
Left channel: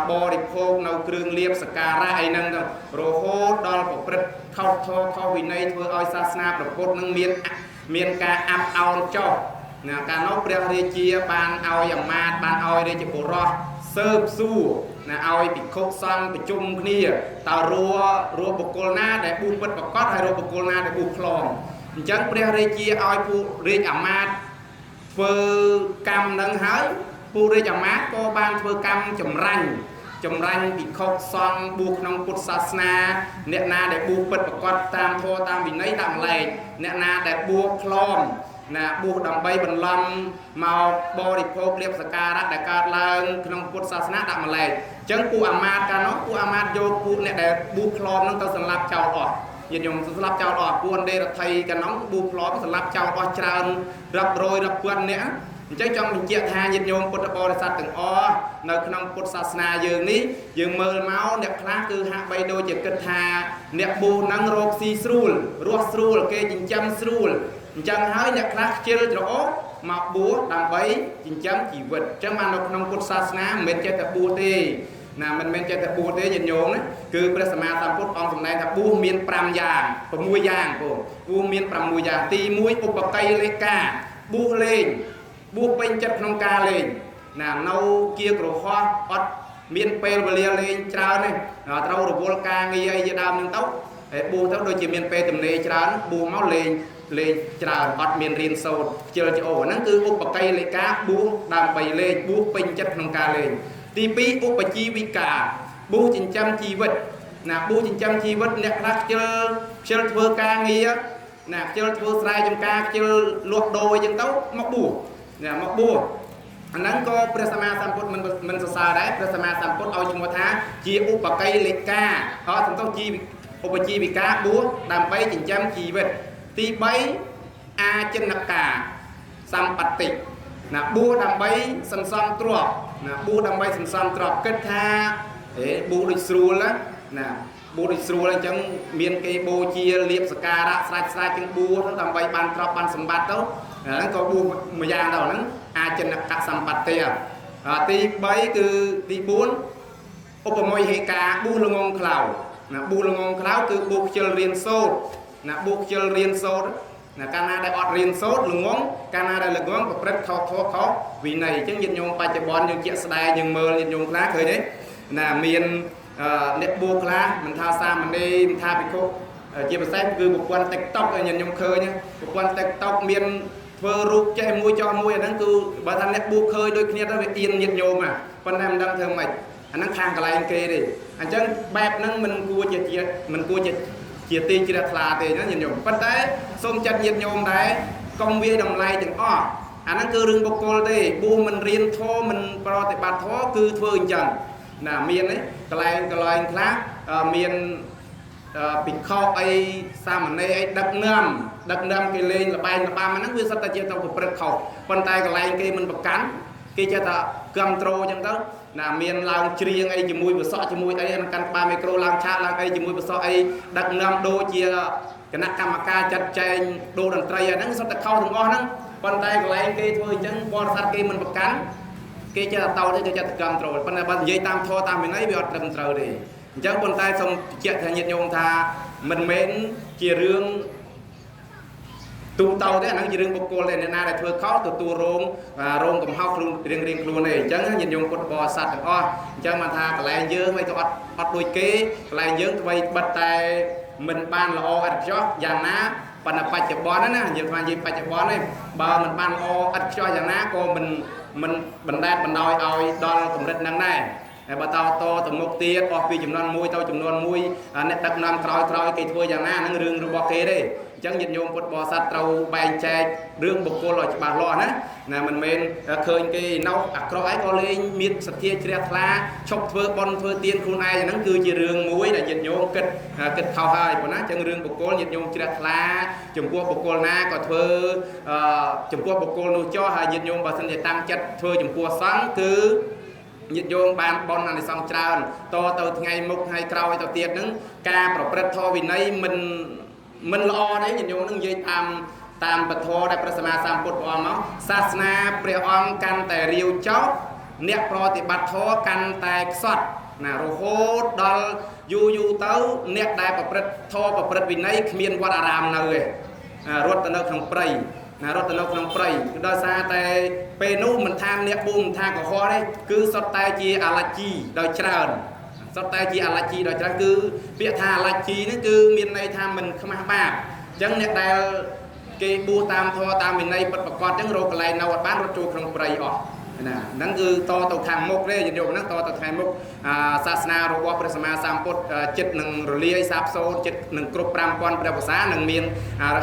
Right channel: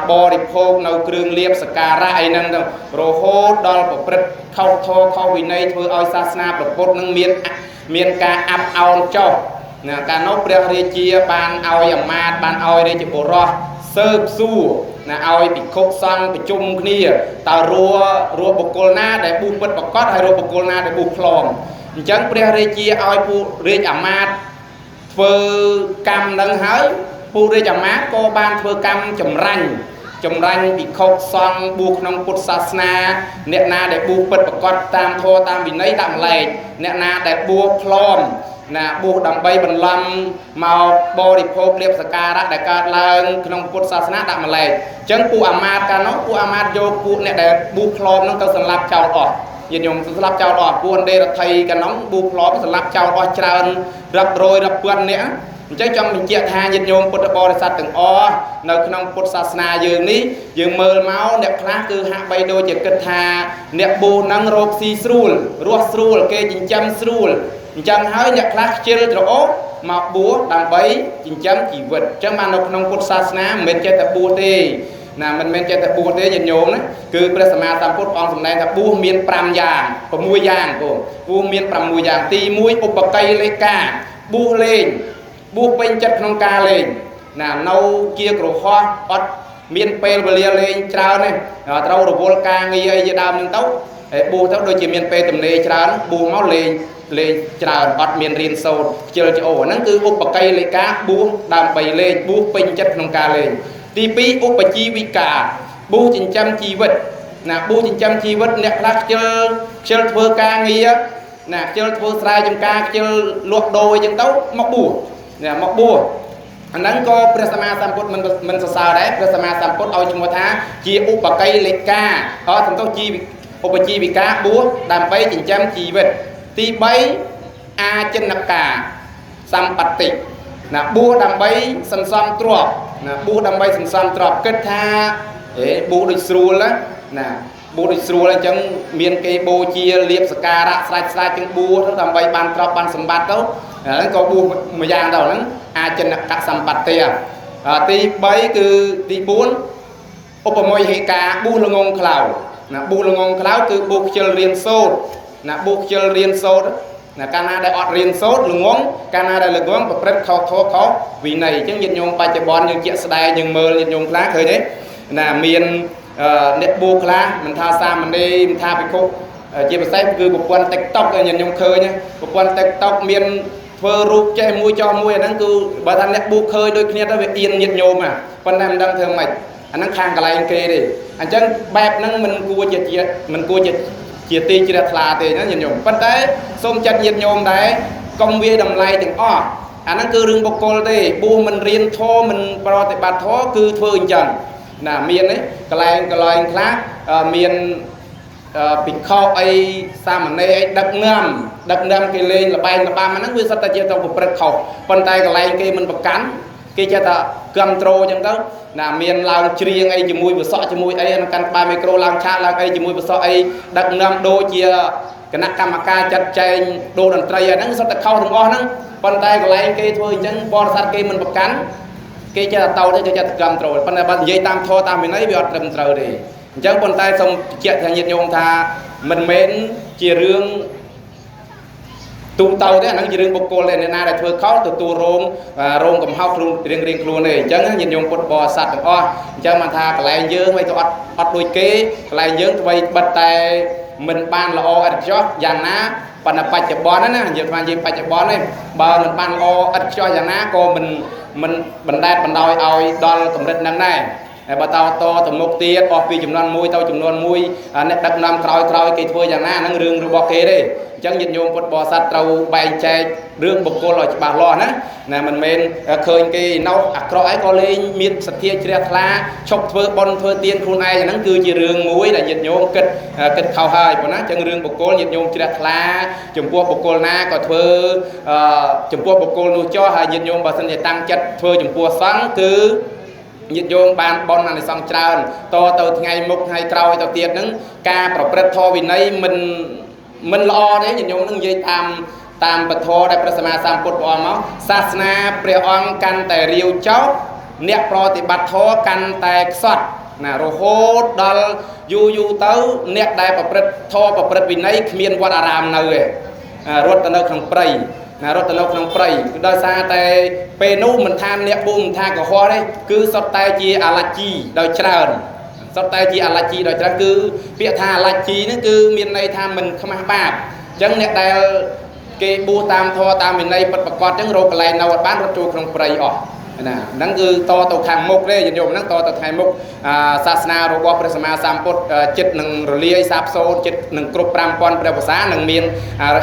บริโภคในเครื่องเลียบสการะไอ้นั่นโรโหดอลประพฤติเข้าโทเข้าวินัยเพื่อเอาศาสนาประพุทธนั่งเมียนการอับเอาเจ้านะการนกเปรียบเรียเจียบานเอาอย่างมาบานเอาเรียจิบุรอเซิร์ฟสู้นะเอาปิดคุกซังไปจุ่มนี่ตารัวบุกโกลนาได้บุกเปิดประกอบให้รัวบุกโกลนาได้บุกคลองจังเปรียบเรียเจียเอาผู้เรียจมาเพื่อกรรมดังหายผู้ได้จำมาก็บานเพื่อกรรมจำรันปีกซองบุกน้องพุทธศาสนาเนนาได้บุกเปิดประกอบตามโทตามวินัยตามแหลกเนนาได้บุกคลอมนะบุกดำใบบรรลัมมาบริโภคเรียบสการะได้การลางน้องพุทธศาสนาตามแหลกจังผู้อามาตกันเนาะผู้อามาตโยผู้เนี่ยได้บุกคลอมน้องตัวสลับเจ้าออกยินยมสลับเจ้าออกบุญเดรไทยกันน้องบุกคลอมสลับเจ้าออกจานรับโรยรับเพื่อนเนี่ยจะจำเป็นเจียทายินยมพุทธบริษัทถึงอ้อในขนมพุทธศาสนาอย่างนี้อย่างเมื่อเมาเนี่ยคลาคือหาใบโดจะกระทาเนี่ยบูนังโรบซีสรูลรัวสรูลเกจินจำสรูลจำให้เนี่ยคลาเจริญโอ้มาบัวดำใบจินจำจีวิตจะมาในขนมพุทธศาสนาเหมือนจะแต่บัวเตนะมันเป็นแต่บัวเตยินยมนะคือพระสมมาตามพุทธองค์สมัยแต่บัวเมียนปรามยางปมวยยางกูบัวเมียนปรามวยยางตีมวยอุปไกเลกาบัวเลงบุกเป็นจัดนองกาเลยนะเนาเกียกระหอบอดเมียนเปลเบลียเลยเช้าเนี่ยเราระบบการเงียจะดำหนึ่งเต้าบูเต้าโดยจะเมียนเปลตุ่มเลยเช้าบูเมาเลยเช้าอดเมียนเรียนโซนเจอจะโอ้นั่นคืออุปไกเลยกาบูดำไปเลยบูเป็นจัดนองกาเลยตีปีอุปจีวิกาบูจินจำจีวิตนะบูจินจำจีวิตเนี่ยรักเจอเพื่อการเงียนะเจอเพื่อสายจังกาเจอลวกโดยจังเต้ามักบูเนี่ยมกบัวอันนั้นก็พระสมมาสัมพุทธมันสาวได้พระสมมาสัมพุทธเอาชมท้าจีอุปไกเลกาเขาทำต้องจีอุปจีวิกาบัวดำไปจินจำจีวิตตีใบอาจนกาสัมปตินะบัวดำใบสันสัมตรอกนะบัวดำใบสันสัมตรอกเกิดท่าบัวดิสรูละนะบูดิสรูแล้วจังเมียนเกโบเจียเลียบสการะสลายจังบูทั้งทำใบบานตรอบานสมบัติแล้วก็บูมายางเท่านั้นอาจจะนักสัมปัตเตียตีใบคือตีบุญอุปโมยเหกาบูลงงคลาวนะบูลงงคลาวคือบูเชลเรียนโซดนะบูเชลเรียนโซดนะการนาได้อดเรียนโซดลงงการนาได้ลงงประพฤติเขาวินัยจังยินยงปัจจุบันยังเจสดายยังเมื่อยินยงคลาเคยเนี่ยนะเมียนเน็ตบูคลามันทาซามันได้มันทาไปคุกเจ็บเส้นคือบุคคลติ๊กต็อกอย่างยงเคยเนี่ยบุคคลติ๊กต็อกเมียนเพื่อรูปใจมวยจอมวยนั่นคือบาทันเน็ตบูเคยโดยเนี้ยได้เอียนยินโยมอ่ะคนนั้นดังเธอใหม่อันนั้นข้างกับอะไรเกย์ดิอันจังแบบนั้นมันกลัวจะมันกลัวจะเจียตีเจียทลาเตยนั่นยินโยมปัจจัยส้มจัดยินโยมได้กองเวียดำไล่ถึงอ้ออันนั้นคือเรื่องบุคคลเตยบูมันเรียนโทมันปรติบัติโทคือเพื่อจังน่ะเมียนนี่กลายคลาเมียนปิดคอไอ้สามันในดักน้ำกิเลนละใบละปามันนั่นคือสัตว์เจียวตัวประเขาปันไตกลายกิมันประกันกิจะตะกัมโตรจังก็น่ะเมียนลาวเชียงไอ้จมูกบะซอจมูกไอ้กันปลาไมโครลาวชาลาวไอ้จมูกบะซอไอ้ดักน้ำโดเจียคณะกรรมการจัดแจงโดดนตรีนั่นสัตว์เข้าถึงอ้อนั่นปันไตกลายกิทั่วจังบอลสัตว์กิมันประกัน គេចេះតោទេចេះត្រឹមត្រូវប៉ុន្តែបើនិយាយតាមធម៌តាមវិន័យវាអត់ត្រឹមត្រូវទេអញ្ចឹងប៉ុន្តែសូមជាក់ថាញាតិញោមថាមិនមែនជារឿងទូទៅទេអានឹងជារឿងបុគ្គលទេអ្នកណាដែលធ្វើខុសទទួលរងកំហុសខ្លួនរៀងខ្លួនទេអញ្ចឹងញាតិញោមពុទ្ធបរិស័ទទាំងអស់អញ្ចឹងបានថាកន្លែងយើងមិនទៅអត់ដូចគេកន្លែងយើងធ្វើបិទតែមិនបានល្អឥតខ្ចោះយ៉ាងណាប៉ុន្តែបច្ចុប្បន្នណាយើងថានិយាយបច្ចុប្បន្ននេះបើមិនបានល្អឥតខ្ចោះយ៉ាងណាក៏មិនបណ្ដែតបណ្ដោយឲ្យដល់កម្រិតហ្នឹងដែរហើយបើតទៅមុខទៀតអស់ពីចំនួនមួយទៅចំនួនមួយអ្នកដឹកនាំក្រោយគេធ្វើយ៉ាងណាហ្នឹងរឿងរបស់គេទេអញ្ចឹងញាតិញោមពុទ្ធបរិស័ទត្រូវបែងចែករឿងបុគ្គលឲ្យច្បាស់លាស់ណាមិនមែនឃើញគេនៅអាក្រក់អីក៏លេងមានសទ្ធាជ្រះថ្លាឈប់ធ្វើបុណ្យធ្វើទានខ្លួនឯងហ្នឹងគឺជារឿងមួយដែលញាតិញោមគិតខុសហើយប៉ុណ្ណាអញ្ចឹងរឿងបុគ្គលញាតិញោមជ្រះថ្លាចំពោះបុគ្គលណាក៏ធ្វើចំពោះបុគ្គលនោះចោះហើយញាតិញោមបើសិនជាតាំងចិត្តធ្វើចំពោះសង្ឃគឺញាតិញោមបានបន់អានិសង្សច្រើនតទៅថ្ងៃមុខថ្ងៃក្រោយទៅទៀតហ្នឹងការប្រព្រឹត្តធម៌វិន័យមិនល្អទេញាតិញោមនឹងនិយាយតាមពធដែលព្រះសម្មាសម្ពុទ្ធព្រះអង្គមកសាសនាព្រះអង្គកាន់តែរាវចោតអ្នកប្រតិបត្តិធម៌កាន់តែខ្សត់ណារហូតដល់យូរទៅអ្នកដែលប្រព្រឹត្តធម៌ប្រព្រឹត្តវិន័យគ្មានវត្តអារាមនៅទេរត់ទៅនៅក្នុងព្រៃណារត់ទៅនៅក្នុងព្រៃគឺដោយសារតែពេលនោះមិនថាអ្នកប៊ូមិនថាកុហកទេគឺសុទ្ធតែជាអាឡាជីដោយច្រើនសុទ្ធតែជាអាឡាជីដោយច្រើនគឺពាក្យថាអាឡាជីនេះគឺមានន័យថាមិនខ្មាស់បាបអញ្ចឹងអ្នកដែលគេបួសតាមធម៌តាមវិន័យពិតប្រាកដអញ្ចឹងរកកន្លែងនៅអត់បានរត់ចូលក្នុងព្រៃអស់ណាហ្នឹងគឺតទៅខាងមុខទេញាតិញោមហ្នឹងតទៅថ្ងៃមុខសាសនារបស់ព្រះសម្មាសម្ពុទ្ធចិត្តនឹងរលាយសាបសូន្យចិត្តនឹងគ្រប់ 5000 ព្រះវស្សានឹងមាន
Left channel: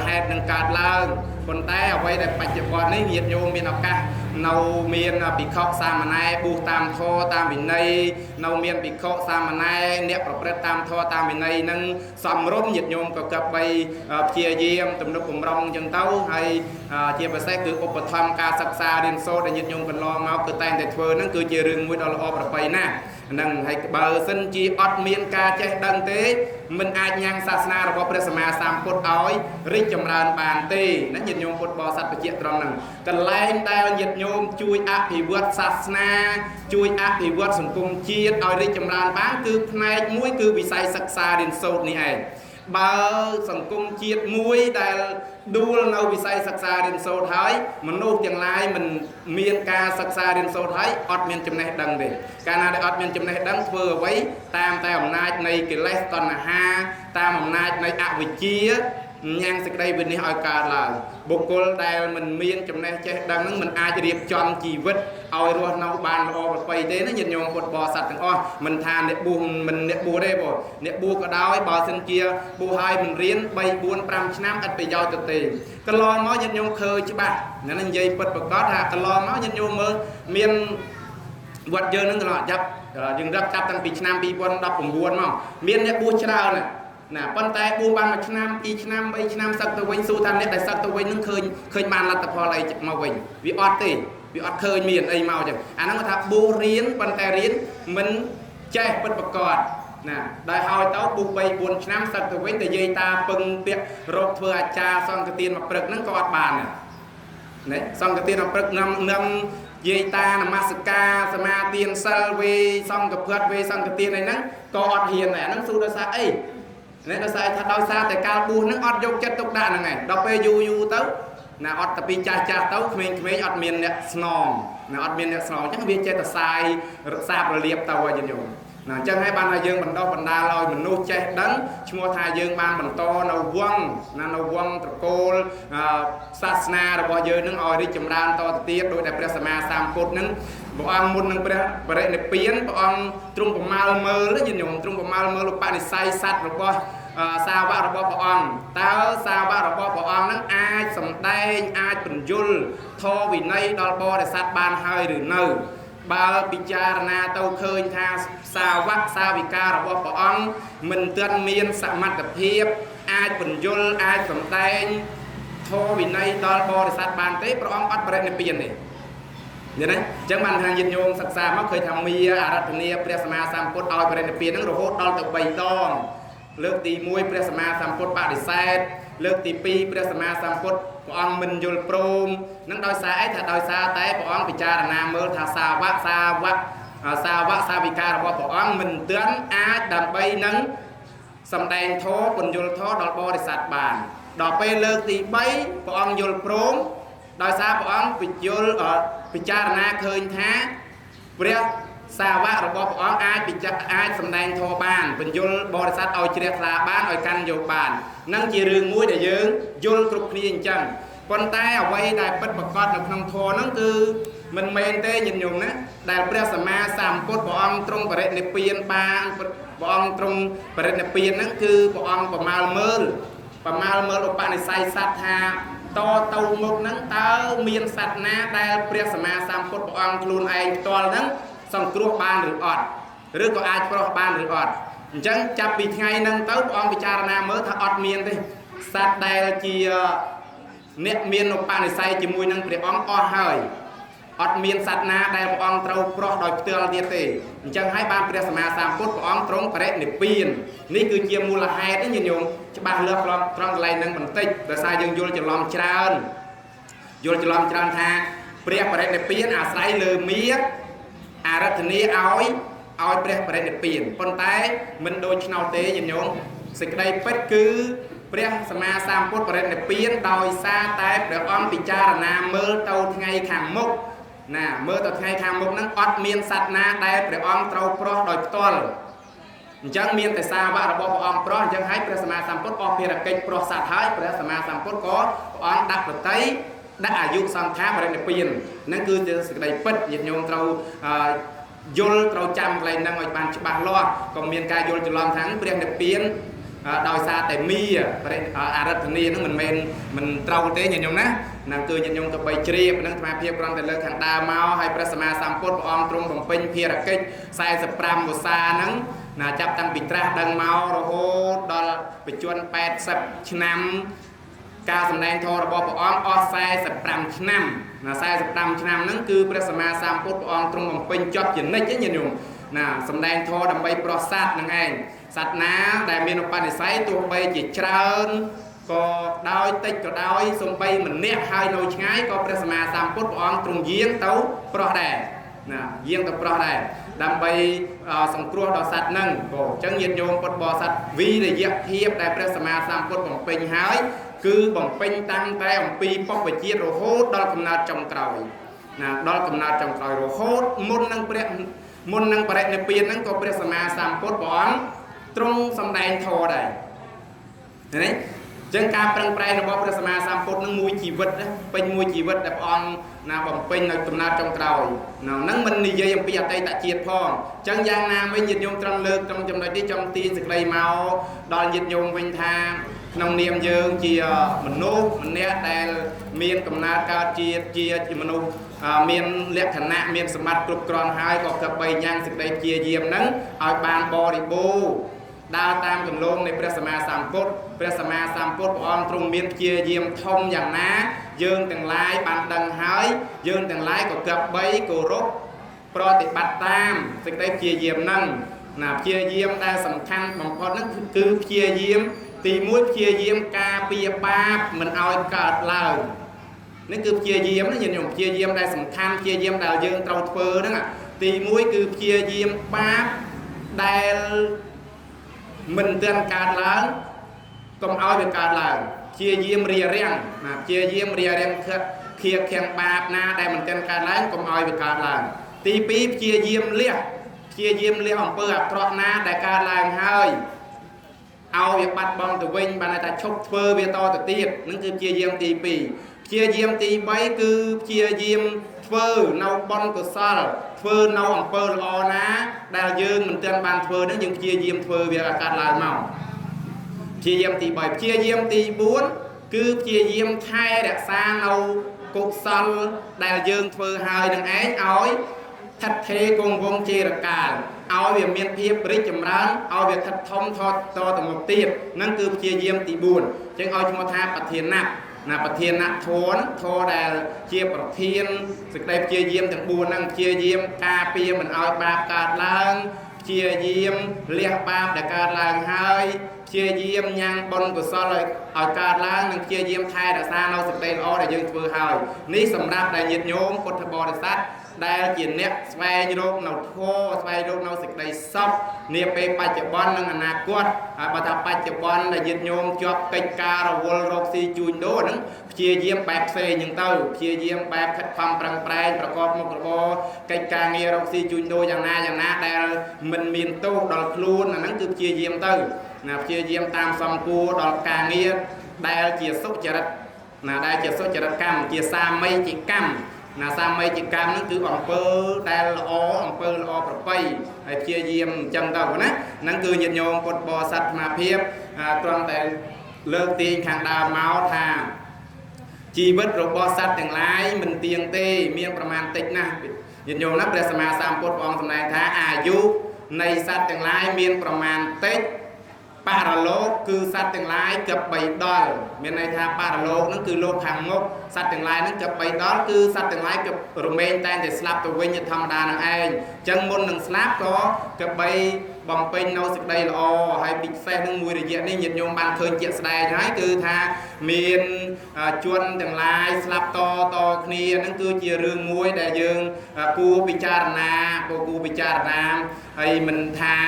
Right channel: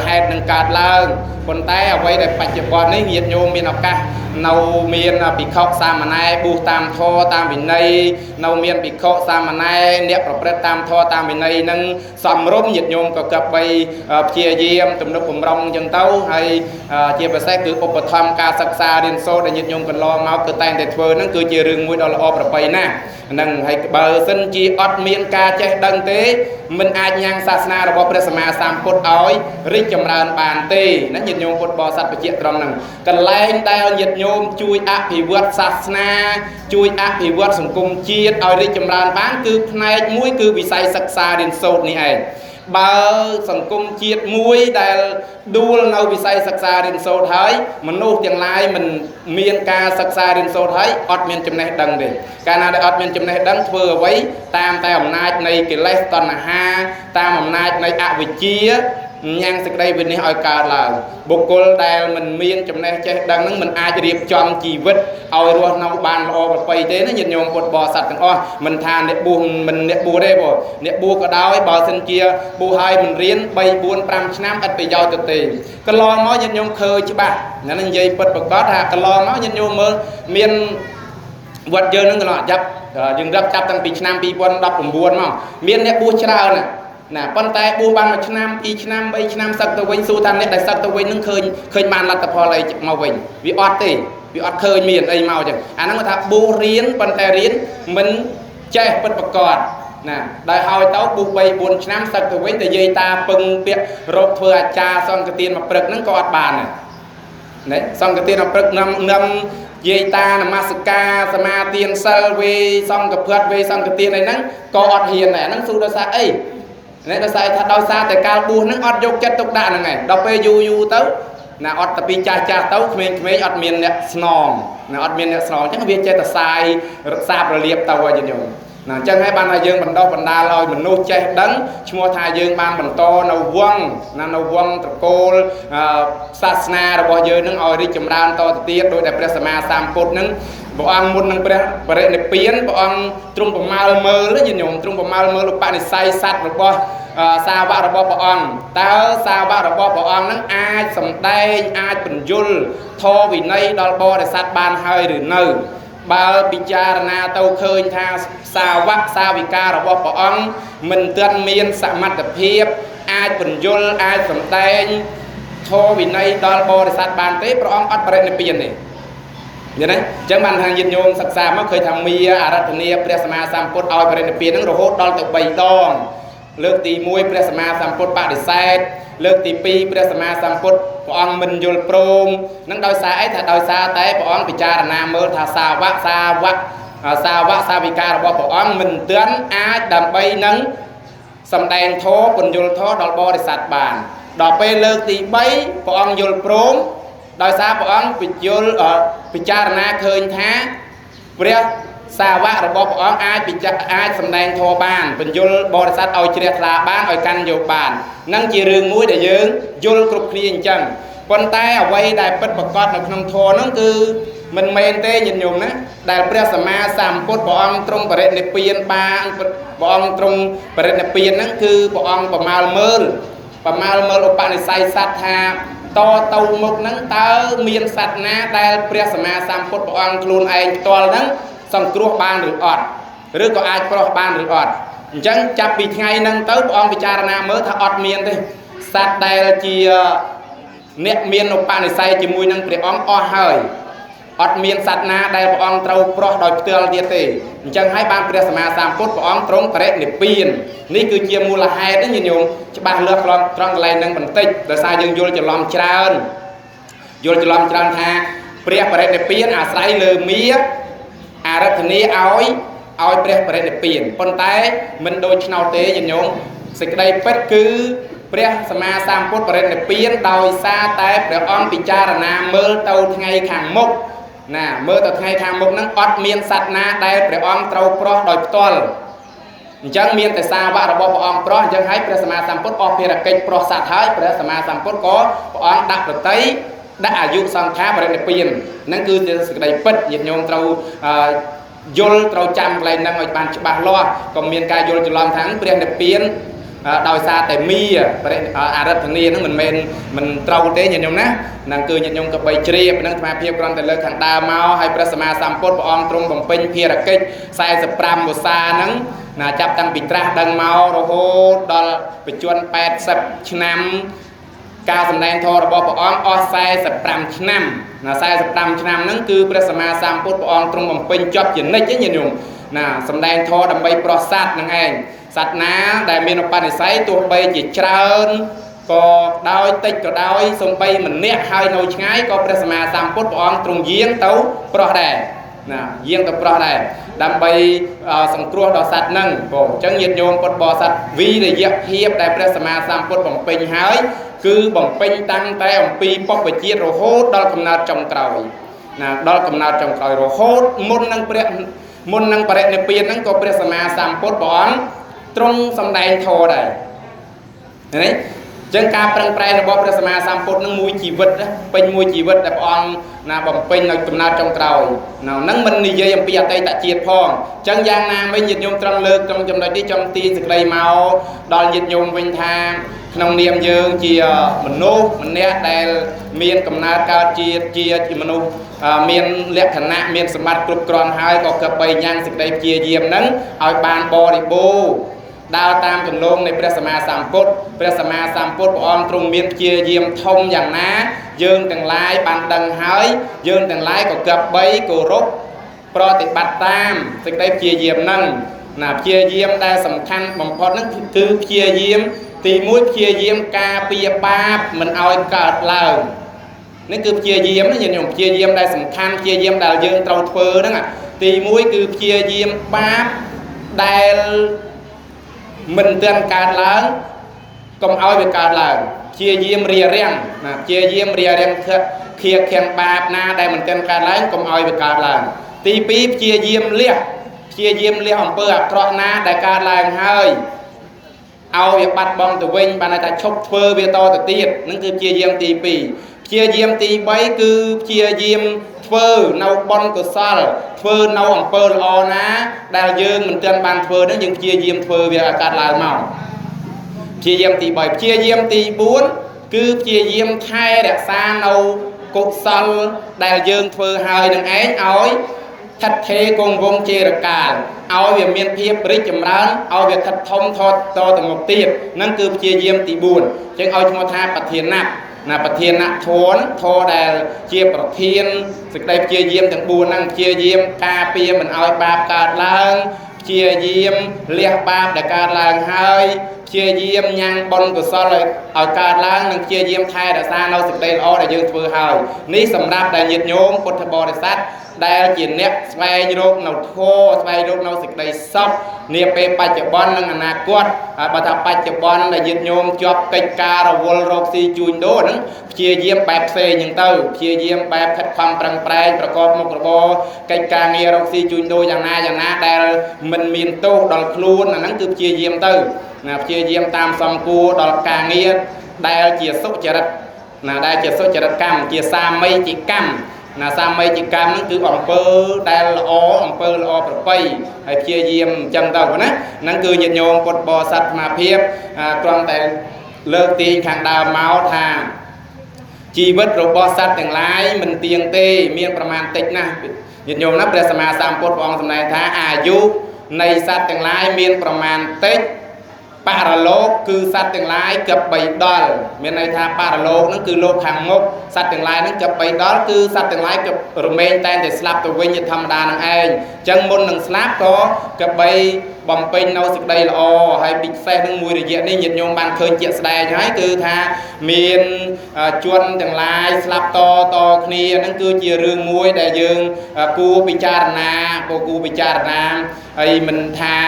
ហេតុនឹងកើតឡើងប៉ុន្តែអ្វីដែលបច្ចុប្បន្ននេះញាតិញោមមានឱកាសនៅមានភិក្ខុសាមណេរបួសតាមធម៌តាមវិន័យនៅមានភិក្ខុសាមណេរអ្នកប្រព្រឹត្តតាមធម៌តាមវិន័យនឹងសំរុំញាតិញោមក៏កັບបីព្យាយាមទំនុកបំរុងអញ្ចឹងទៅហើយជាពិសេសគឺឧបត្ថម្ភការសិក្សារៀនសូត្រដែលញាតិញោមកន្លងមកគឺតែងតែធ្វើហ្នឹងគឺជារឿងមួយដ៏ល្អប្រពៃណាស់ហ្នឹងហើយបើសិនជាអត់មានការចេះដឹងទេមិនអាចញ៉ាំងសាសនារបស់ព្រះសម្មាសម្ពុទ្ធឲ្យរីកចម្រើនបានទេណាញាតិញោមពុទ្ធបរិស័ទបជាត្រង់ហ្នឹងកន្លែងដែលញាតិញោមជួយអភិវឌ្ឍសាសនាជួយអភិវឌ្ឍសង្គមជាតិឲ្យរីកចម្រើនបានគឺផ្នែកមួយគឺវិស័យសិក្សារៀនសូត្រនេះឯងបើសង្គមជាតិមួយដែលដួលនៅវិស័យសិក្សារៀនសូត្រហើយមនុស្សទាំងឡាយមិនមានការសិក្សារៀនសូត្រហើយអត់មានចំណេះដឹងទេកាលណាដែលអត់មានចំណេះដឹងធ្វើអ្វីតាមតែអំណាចនៃកិលេសតណ្ហាតាមអំណាចនៃអវិជ្ជាញ៉ាំងសេចក្តីវិនិច្ឆ័យឲ្យកើតឡើងបុគ្គលដែលមិនមានចំណេះចេះដឹងនឹងមិនអាចរៀបចំជីវិតឲ្យរស់នៅបានល្អប្រពៃទេណាញាតិញោមពុទ្ធបរិស័ទទាំងអស់មិនថាអ្នកបួសមិនអ្នកបួសទេបងអ្នកបួសក៏ដោយបើសិនជាបួសឲ្យមិនរៀន3 4 5ឆ្នាំឥតប្រយោជន៍ទៅទេកន្លងមកញាតិញោមឃើញច្បាស់ណានិយាយពិតប្រកបថាកន្លងមកញាតិញោមមើលមានវត្តយើងនឹងកន្លងចាប់យើងរាប់ចាប់តាំងពីឆ្នាំ2019មកមានអ្នកបួសច្រើនណាប៉ុន្តែបួសបាន1ឆ្នាំ2ឆ្នាំ3ឆ្នាំសឹកទៅវិញសួរថាអ្នកដែលសឹកទៅវិញនឹងឃើញបានលទ្ធផលអីមកវិញវាអត់ទេវាអត់ឃើញមានអីមកចឹងអាហ្នឹងគាត់ថាបួសរៀនប៉ុន្តែរៀនមិនចេះពិតប្រាកដណាដោយឲ្យទៅបួស3 4ឆ្នាំសឹកទៅវិញតែយាយតាពឹងពាក្យរកធ្វើអាចារ្យសង្ឃទានមកព្រឹកហ្នឹងក៏អត់បានដែរណាសង្ឃទានមកព្រឹកនឹងយាយតានមស្ការសមាទានសិលវេសង្ឃព្រាត់វេសង្ឃទានអីហ្នឹងក៏អត់ហ៊ានដែរហ្នឹងសួរដោយសារអីអ្នកដោយសារថាដោយសារតែកាលបួសហ្នឹងអត់យកចិត្តទុកដាក់ហ្នឹងឯងដល់ពេលយូរទៅណាអត់ទៅពីចាស់ទៅក្មេងៗអត់មានអ្នកស្នងណាអត់មានអ្នកស្នងអញ្ចឹងវាចេះតែសាយរក្សាប្រលាបទៅឲ្យយើងណាអញ្ចឹងហើយបានថាយើងបណ្ដុះបណ្ដាលឲ្យមនុស្សចេះដឹងឈ្មោះថាយើងបានបន្តនៅវង្សណានៅវង្សត្រកូលសាសនារបស់យើងនឹងឲ្យរីកចម្រើនតទៅទៀតដោយតែព្រះសម្មាសម្ពុទ្ធនឹងព្រះអង្គមុននឹងព្រះបរិនិព្វានព្រះអង្គទ្រង់ប្រមាលមើលញាតិញោមទ្រង់ប្រមាលមើលឧបនិស្ស័យសត្វរបស់សាវករបស់ព្រះអង្គតើសាវករបស់ព្រះអង្គនឹងអាចសម្ដែងអាចបញ្យលធម៌វិន័យដល់បរិស័ទបានហើយឬនៅបើពិចារណាទៅឃើញថាសាវកសាវិការបស់ព្រះអង្គមិនទាន់មានសមត្ថភាពអាចបញ្យលអាចសម្ដែងធម៌វិន័យដល់បរិស័ទបានទេព្រះអង្គអត់បរិនិព្វានទេយល់ទេអញ្ចឹងបានថាញាតិញោមសិក្សាមកឃើញថាមាអរតនីព្រះសម្មាសម្ពុទ្ធឲ្យបរិនិព្វាននឹងរហូតដល់ទៅ3 ដង លើកទី1ព្រះសម្មាសម្ពុទ្ធបដិសេធលើកទី2ព្រះសម្មាសម្ពុទ្ធព្រះអង្គមិនយល់ព្រមនឹងដោយសារអីថាដោយសារតែព្រះអង្គពិចារណាមើលថាសាវកសាវិការបស់ព្រះអង្គមិនទាន់អាចដើម្បីនឹងសម្ដែងធម៌ពន្យល់ធម៌ដល់បរិស័ទបានដល់ពេលលើកទី3ព្រះអង្គយល់ព្រមដោយសារព្រះអង្គពិចារណាឃើញថាព្រះសាវករបស់ព្រះអង្គអាចសម្ដែងធម៌បានពន្យល់បរិស័ទឲ្យជ្រះថ្លាបានឲ្យកាន់យកបាននឹងជារឿងមួយដែលយើងយល់គ្រប់គ្នាអញ្ចឹងប៉ុន្តែអ្វីដែលពិតប្រាកដនៅក្នុងធម៌ហ្នឹងគឺមិនមែនទេញាតិញោមណាដែលព្រះសម្មាសម្ពុទ្ធព្រះអង្គទ្រង់បរិនិព្វានបានព្រះអង្គទ្រង់បរិនិព្វានហ្នឹងគឺព្រះអង្គប្រមាលមើលឧបនិស្ស័យសត្វថាតទៅមុខហ្នឹងតើមានសត្វណាដែលព្រះសម្មាសម្ពុទ្ធព្រះអង្គខ្លួនឯងផ្ទាល់ហ្នឹងសង្គ្រោះបានឬអត់ឬក៏អាចប្រោះបានឬអត់អញ្ចឹងចាប់ពីថ្ងៃហ្នឹងទៅព្រះអង្គពិចារណាមើលថាអត់មានទេសត្វដែលជាអ្នកមានឧបនិស្ស័យជាមួយនឹងព្រះអង្គអស់ហើយអត់មានសត្វណាដែលព្រះអង្គត្រូវប្រោះដោយផ្ទាល់ទៀតទេអញ្ចឹងហើយបានព្រះសម្មាសម្ពុទ្ធព្រះអង្គទ្រង់បរិនិព្វាននេះគឺជាមូលហេតុទេញាតិញោមច្បាស់លាស់ត្រង់កន្លែងហ្នឹងបន្តិចដោយសារយើងយល់ច្រឡំច្រើនថាព្រះបរិនិព្វានអាស្រ័យលើមាអារាធនាឲ្យព្រះបរិនិព្វានប៉ុន្តែមិនដូចឆ្នោតទេញាតិញោមសេចក្តីពិតគឺព្រះសម្មាសម្ពុទ្ធបរិនិព្វានដោយសារតែព្រះអង្គពិចារណាមើលទៅថ្ងៃខាងមុខណាមើលទៅថ្ងៃខាងមុខហ្នឹងអត់មានសត្វណាដែលព្រះអង្គត្រូវប្រោះដោយផ្ទាល់អញ្ចឹងមានតែសាវករបស់ព្រះអង្គប្រោះអញ្ចឹងហើយព្រះសម្មាសម្ពុទ្ធអស់ភារកិច្ចប្រោះសត្វហើយព្រះសម្មាសម្ពុទ្ធក៏ព្រះអង្គដាក់ប្រតិដាក់អាយុសង្ខារបរិនិព្វានហ្នឹងគឺជាសេចក្តីពិតញាតិញោមត្រូវយល់ត្រូវចាំកន្លែងហ្នឹងឲ្យបានច្បាស់លាស់កុំមានការយល់ច្រឡំថាព្រះនិព្វានដោយសារតែមាអារាធនាហ្នឹងមិនត្រូវទេញាតិញោមណាហ្នឹងគឺញាតិញោមក៏បីជ្រាបហ្នឹងស្មារតីគ្រាន់តែលើកខាងដើមមកហើយព្រះសម្មាសម្ពុទ្ធព្រះអង្គទ្រង់បំពេញភារកិច្ច45វស្សាហ្នឹងណាចាប់តាំងពីត្រាស់ដឹងមករហូតដល់បញ្ជន80ឆ្នាំការសម្ដែងធម៌របស់ព្រះអង្គអស់45ឆ្នាំណា45ឆ្នាំហ្នឹងគឺព្រះសម្មាសម្ពុទ្ធព្រះអង្គទ្រង់បំពេញចប់ជានិច្ចទេញាតិញោមណាសម្ដែងធម៌ដើម្បីប្រោះសត្វហ្នឹងឯងសត្វណាដែលមានឧបនិស្ស័យទោះបីជាច្រើនក៏ដោយតិចក៏ដោយសំបីម្នាក់ហើយនៅឆ្ងាយក៏ព្រះសម្មាសម្ពុទ្ធព្រះអង្គទ្រង់យាងទៅប្រោះដែរណាយាងទៅប្រោះដែរដើម្បីសង្គ្រោះដល់សត្វហ្នឹងបងអញ្ចឹងញាតិញោមពុទ្ធបរិស័ទវិរិយភាពដែលព្រះសម្មាសម្ពុទ្ធបំពេញហើយគឺបំពេញតាំងតែអំពីពុព្វជាតិរហូតដល់កំណើតចុងក្រោយណាដល់កំណើតចុងក្រោយរហូតមុននឹងបរិនិព្វានហ្នឹងក៏ព្រះសម្មាសម្ពុទ្ធព្រះអង្គទ្រង់សម្ដែងធម៌ដែរឃើញទេចឹងការប្រឹងប្រែងរបស់ព្រះសម្មាសម្ពុទ្ធនឹងមួយជីវិតពេញមួយជីវិតដែលព្រះអង្គណាបំពេញនៅកំណើតចុងក្រោយហ្នឹងមិននិយាយអំពីអតីតជាតិផងចឹងយ៉ាងណាមិញញាតិញោមត្រង់លើកtrongចំណុចនេះចំទាញសេចក្តីមកដល់ញាតិញោមវិញថាក្នុងនាមយើងជាមនុស្សម្នាក់ដែលមានកំណើតកើតជាមនុស្សមានលក្ខណៈមានសម្បត្តិគ្រប់គ្រាន់ហើយក៏គប្បីញ៉ាំងសេចក្តីព្យាយាមហ្នឹងឲ្យបានបរិបូរណ៍ដើរតាមគន្លងនៃព្រះសម្មាសម្ពុទ្ធព្រះអង្គទ្រង់មានព្យាយាមធំយ៉ាងណាយើងទាំងឡាយបានដឹងហើយយើងទាំងឡាយក៏គប្បីគោរពប្រតិបត្តិតាមសេចក្តីព្យាយាមហ្នឹងណាព្យាយាមដែលសំខាន់បំផុតហ្នឹងគឺព្យាយាមទី1ព្យាយាមការពារបាបមិនឲ្យកើតឡើងនេះគឺព្យាយាមញាតិញោមព្យាយាមដែលសំខាន់ព្យាយាមដែលយើងត្រូវធ្វើហ្នឹងទី1គឺព្យាយាមបាបដែលមិនទាន់កើតឡើងកុំឲ្យវាកើតឡើងព្យាយាមរារាំងណាព្យាយាមរារាំងខិតខៀខាំងបាបណាដែលមិនទាន់កើតឡើងកុំឲ្យវាកើតឡើងទី2ព្យាយាមលះអំពើអាក្រក់ណាដែលកើតឡើងហើយឲ្យវាបាត់បង់ទៅវិញបានតែឈប់ធ្វើវាតទៅទៀតនឹងគឺព្យាយាមទី2ព្យាយាមទី3គឺព្យាយាមធ្វើនៅបុណ្យកុសលធ្វើនៅអំពើល្អណាដែលយើងមិនទាន់បានធ្វើហ្នឹងយើងព្យាយាមធ្វើវាឲ្យកើតឡើងមកព្យាយាមទី3ព្យាយាមទី4គឺព្យាយាមថែរក្សានៅកុសលដែលយើងធ្វើហើយនឹងឯងឲ្យថិតថេរគង់វង្សជារកាលឲ្យវាមានភាពរីកចម្រើនឲ្យវាថិតធំថតតទៅមុខទៀតហ្នឹងគឺព្យាយាមទី4អញ្ចឹងឲ្យឈ្មោះថាប្រធានៈណាប្រធានៈធម៌ដែលជាប្រធានសេចក្តីព្យាយាមទាំង4ហ្នឹងព្យាយាមការពារមិនឲ្យបាបកើតឡើងព្ ជាយាមលះបាបដែលកើតឡើងហើយជាយាមញ៉ាំងបុណ្យកុសលឲ្យកើតឡើងនិងជាយាមថែរក្សានៅសេចក្តីល្អដែលយើងធ្វើហើយនេះសម្រាប់តែញាតិញោមពុទ្ធបរិស័ទដែលជាអ្នកស្វែងរកនៅធម៌ស្វែងរកនៅសេចក្តីសុខនាពេលបច្ចុប្បន្ននិងអនាគតបើថាបច្ចុប្បន្នដែលញាតិញោមជាប់កិច្ចការរវល់រកស៊ីជួញដូរហ្នឹងព្យាយាមបែបផ្សេងហ្នឹងទៅព្យាយាមបែបខិតខំប្រឹងប្រែងប្រកបមុខរបរកិច្ចការងាររកស៊ីជួញដូរយ៉ាងណាដែលមិនមានទោសដល់ខ្លួនអាហ្នឹងគឺព្យាយាមទៅព្យាយាមតាមសំគួរដល់ការងារដែលជាសុចរិតដែលជាសុចរិតកម្មជាសាមីជាកម្មសាមីជាកម្មហ្នឹងគឺអំពើដែលល្អអំពើល្អប្រពៃហើយព្យាយាមអញ្ចឹងទៅណាហ្នឹងគឺញាតិញោមពុទ្ធបរិស័ទអាត្មាភាពគ្រាន់តែលើកទាញខាងដើមមកថាជីវិតរបស់សត្វទាំងឡាយមិនទៀងទេមានប្រមាណតិចណាស់ញាតិញោមណាព្រះសម្មាសម្ពុទ្ធព្រះអង្គសម្ដែងថាអាយុនៃសត្វទាំងឡាយមានប្រមាណតិចបរលោកគឺសត្វទាំងឡាយគិតបីដល់មានន័យថាបរលោកហ្នឹងគឺលោកខាងមុខសត្វទាំងឡាយហ្នឹងគិតបីដល់គឺសត្វទាំងឡាយគិតរមែងតែងតែស្លាប់ទៅវិញធម្មតានឹងឯងអញ្ចឹងមុននឹងស្លាប់ក៏គិតបីបំពេញនៅសេចក្តីល្អហើយពិសេសនឹងមួយរយៈនេះញាតិញោមបានឃើញជាក់ស្ដែងហើយគឺថាមានជនទាំងឡាយស្លាប់តគ្នាហ្នឹងគឺជារឿងមួយដែលយើងគួរពិចារណាហើយមិនថា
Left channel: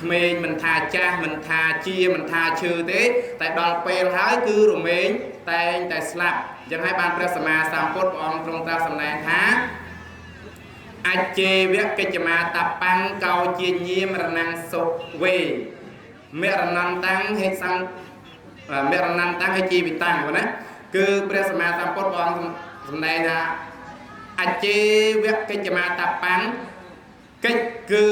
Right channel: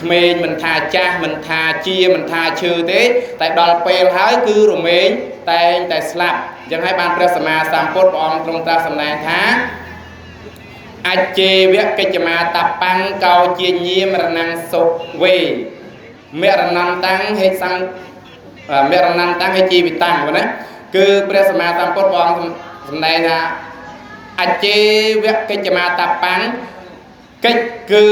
ក្មេងមិនថាចាស់មិនថាជាមិនថាឈឺទេតែដល់ពេលហើយគឺរមែងតែងតែស្លាប់អញ្ចឹងហើយបានព្រះសម្មាសម្ពុទ្ធព្រះអង្គទ្រង់ត្រាស់សម្ដែងថាអជេវកិច្ចមាតបាំងកោជាញាមរណងសុវេមរណន្តាំងហេសੰមរណន្តាំងហេជីវិតាំងណាគឺព្រះសម្មាសម្ពុទ្ធព្រះអង្គសម្ដែងថាអជេវកិច្ចមាតបាំងកិច្ចគឺ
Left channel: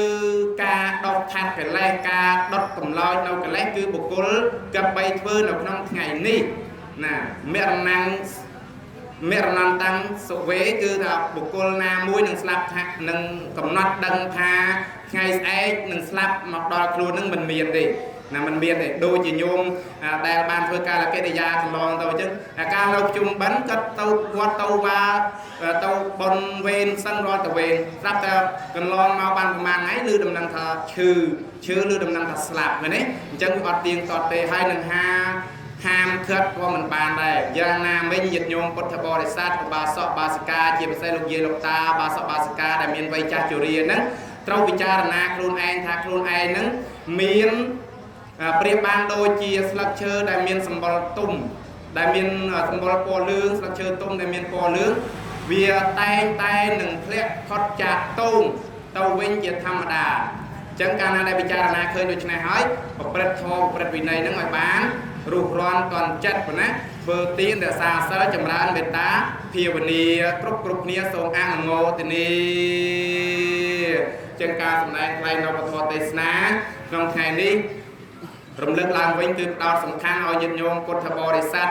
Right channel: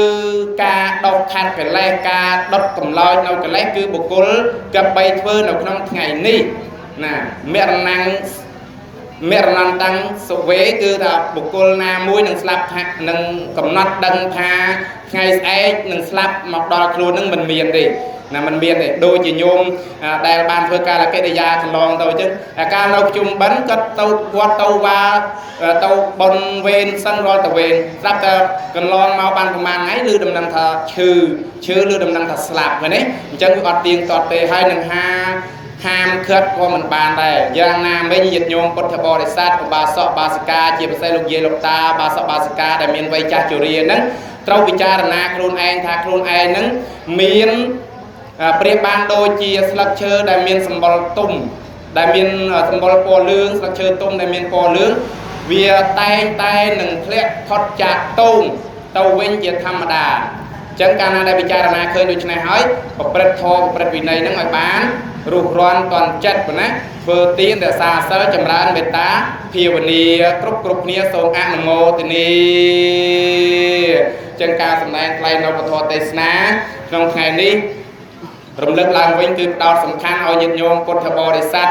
ការដុតខាត់កិលេសការដុតកម្លោចនៅកិលេសគឺបុគ្គលកបីធ្វើនៅក្នុងថ្ងៃនេះណាមរណន្តាំងសុវេគឺថាបុគ្គលណាមួយនឹងស្លាប់ថានឹងកំណត់ដឹងថាថ្ងៃស្អែកនឹងស្លាប់មកដល់ខ្លួននឹងមិនមានទេណាមិនមានទេដូចជាញោមដែលបានធ្វើការកិរិយាកន្លងទៅចឹងការនៅជុំបិណ្ឌគាត់ទៅវត្តទៅវាទៅបនវេនសិនរាល់ទៅវេនស្រាប់តែកន្លងមកបានប្រហែលថ្ងៃឬដំណឹងថាឈឺឬដំណឹងថាស្លាប់ហ្នឹងណាអញ្ចឹងវាអត់ទៀងទាត់ទេហើយនឹងហាមឃាត់ក៏មិនបានដែរយ៉ាងណាមិញញាតិញោមពុទ្ធបរិស័ទឧបាសកបាសិកាជាពិសេសលោកយាយលោកតាបាសកបាសិកាដែលមានវ័យចាស់ជរាហ្នឹងត្រូវពិចារណាខ្លួនឯងថាខ្លួនឯងហ្នឹងមានប្រៀបបានដូចជាស្លឹកឈើដែលមានសម្បុរទុំដែលមានសម្បុរពណ៌លឿងស្លឹកឈើទុំដែលមានពណ៌លឿងវាតែងតែនឹងធ្លាក់ផុតចាកតោងទៅវិញជាធម្មតាអញ្ចឹងកាលណាដែលពិចារណាឃើញដូច្នេះហើយប្រព្រឹត្តធម៌ប្រព្រឹត្តវិន័យហ្នឹងឲ្យបានរុះរាន់តន់ចិត្តប៉ុណ្ណាធ្វើទានរក្សាសិលចម្រើនមេត្តាភាវនាគ្រប់គ្នាសូមអនុមោទនាអញ្ចឹងការសម្ដែងថ្លែងនៅពធទេសនាក្នុងថ្ងៃនេះរំលឹកឡើងវិញគឺផ្ដោតសំខាន់ឲ្យញាតិញោមពុទ្ធបរិស័ទ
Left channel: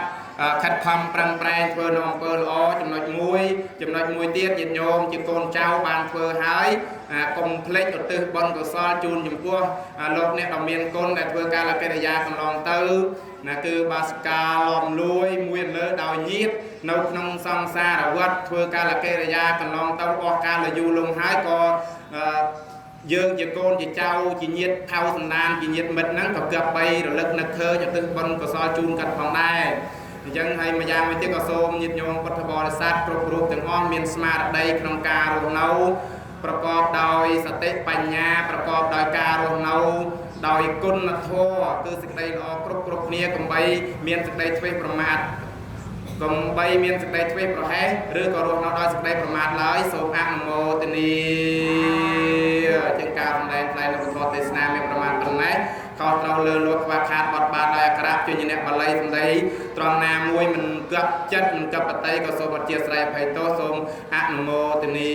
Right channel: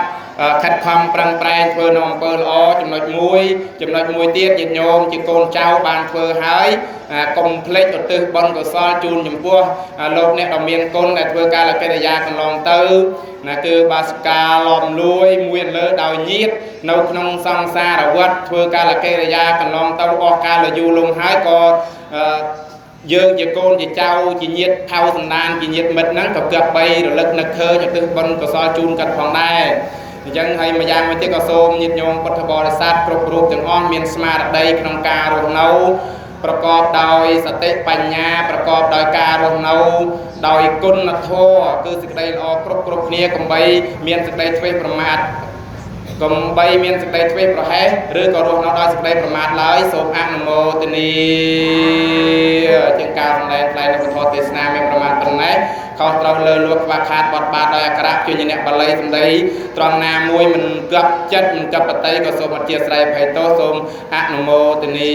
ខិតខំប្រឹងប្រែងធ្វើនៅអំពើល្អចំណុចមួយទៀតញាតិញោមជាកូនចៅបានធ្វើហើយកុំភ្លេចឧទ្ទិសបុណ្យកុសលជូនចំពោះលោកអ្នកដ៏មានគុណដែលធ្វើការកិរិយាកន្លងទៅណាគឺបាសិកាឡំលួយមួយលើដោយញាតិនៅក្នុងសង្សារវដ្តធ្វើការកិរិយាកន្លងទៅអស់កាលយូរលង់ហើយក៏យើងជាកូនជាចៅជាញាតិថៅសន្តានជាញាតិមិត្តហ្នឹងក៏គប្បីរលឹកនឹកឃើញឧទ្ទិសបុណ្យកុសលជូនកាត់ផងដែរអញ្ចឹងហើយម្យ៉ាងមួយទៀតក៏សូមញាតិញោមពុទ្ធបរិស័ទគ្រប់រូបទាំងអស់មានស្មារតីក្នុងការរស់នៅប្រកបដោយសតិបញ្ញាប្រកបដោយការរស់នៅដោយគុណធម៌គឺសេចក្តីល្អគ្រប់គ្នាកុំបីមានសេចក្តីធ្វេសប្រមាថកុំបីមានសេចក្តីធ្វេសប្រហែសឬក៏រស់នៅដោយសេចក្តីប្រមាថឡើយសូមអនុមោទនាជាការសម្ដែងថ្លែងនៅពធទេសនាមានប្រមាណប៉ុណ្ណេះខុសត្រូវលើលោកខ្វះខាតបត់បាតដោយអក្សរជួយអ្នកបាលីសម្ដីត្រង់ណាមួយមិនគប់ចិត្តមិនគប់បតីក៏សូមអធិស្ឋានភ័យទោសសូមអនុមោទនា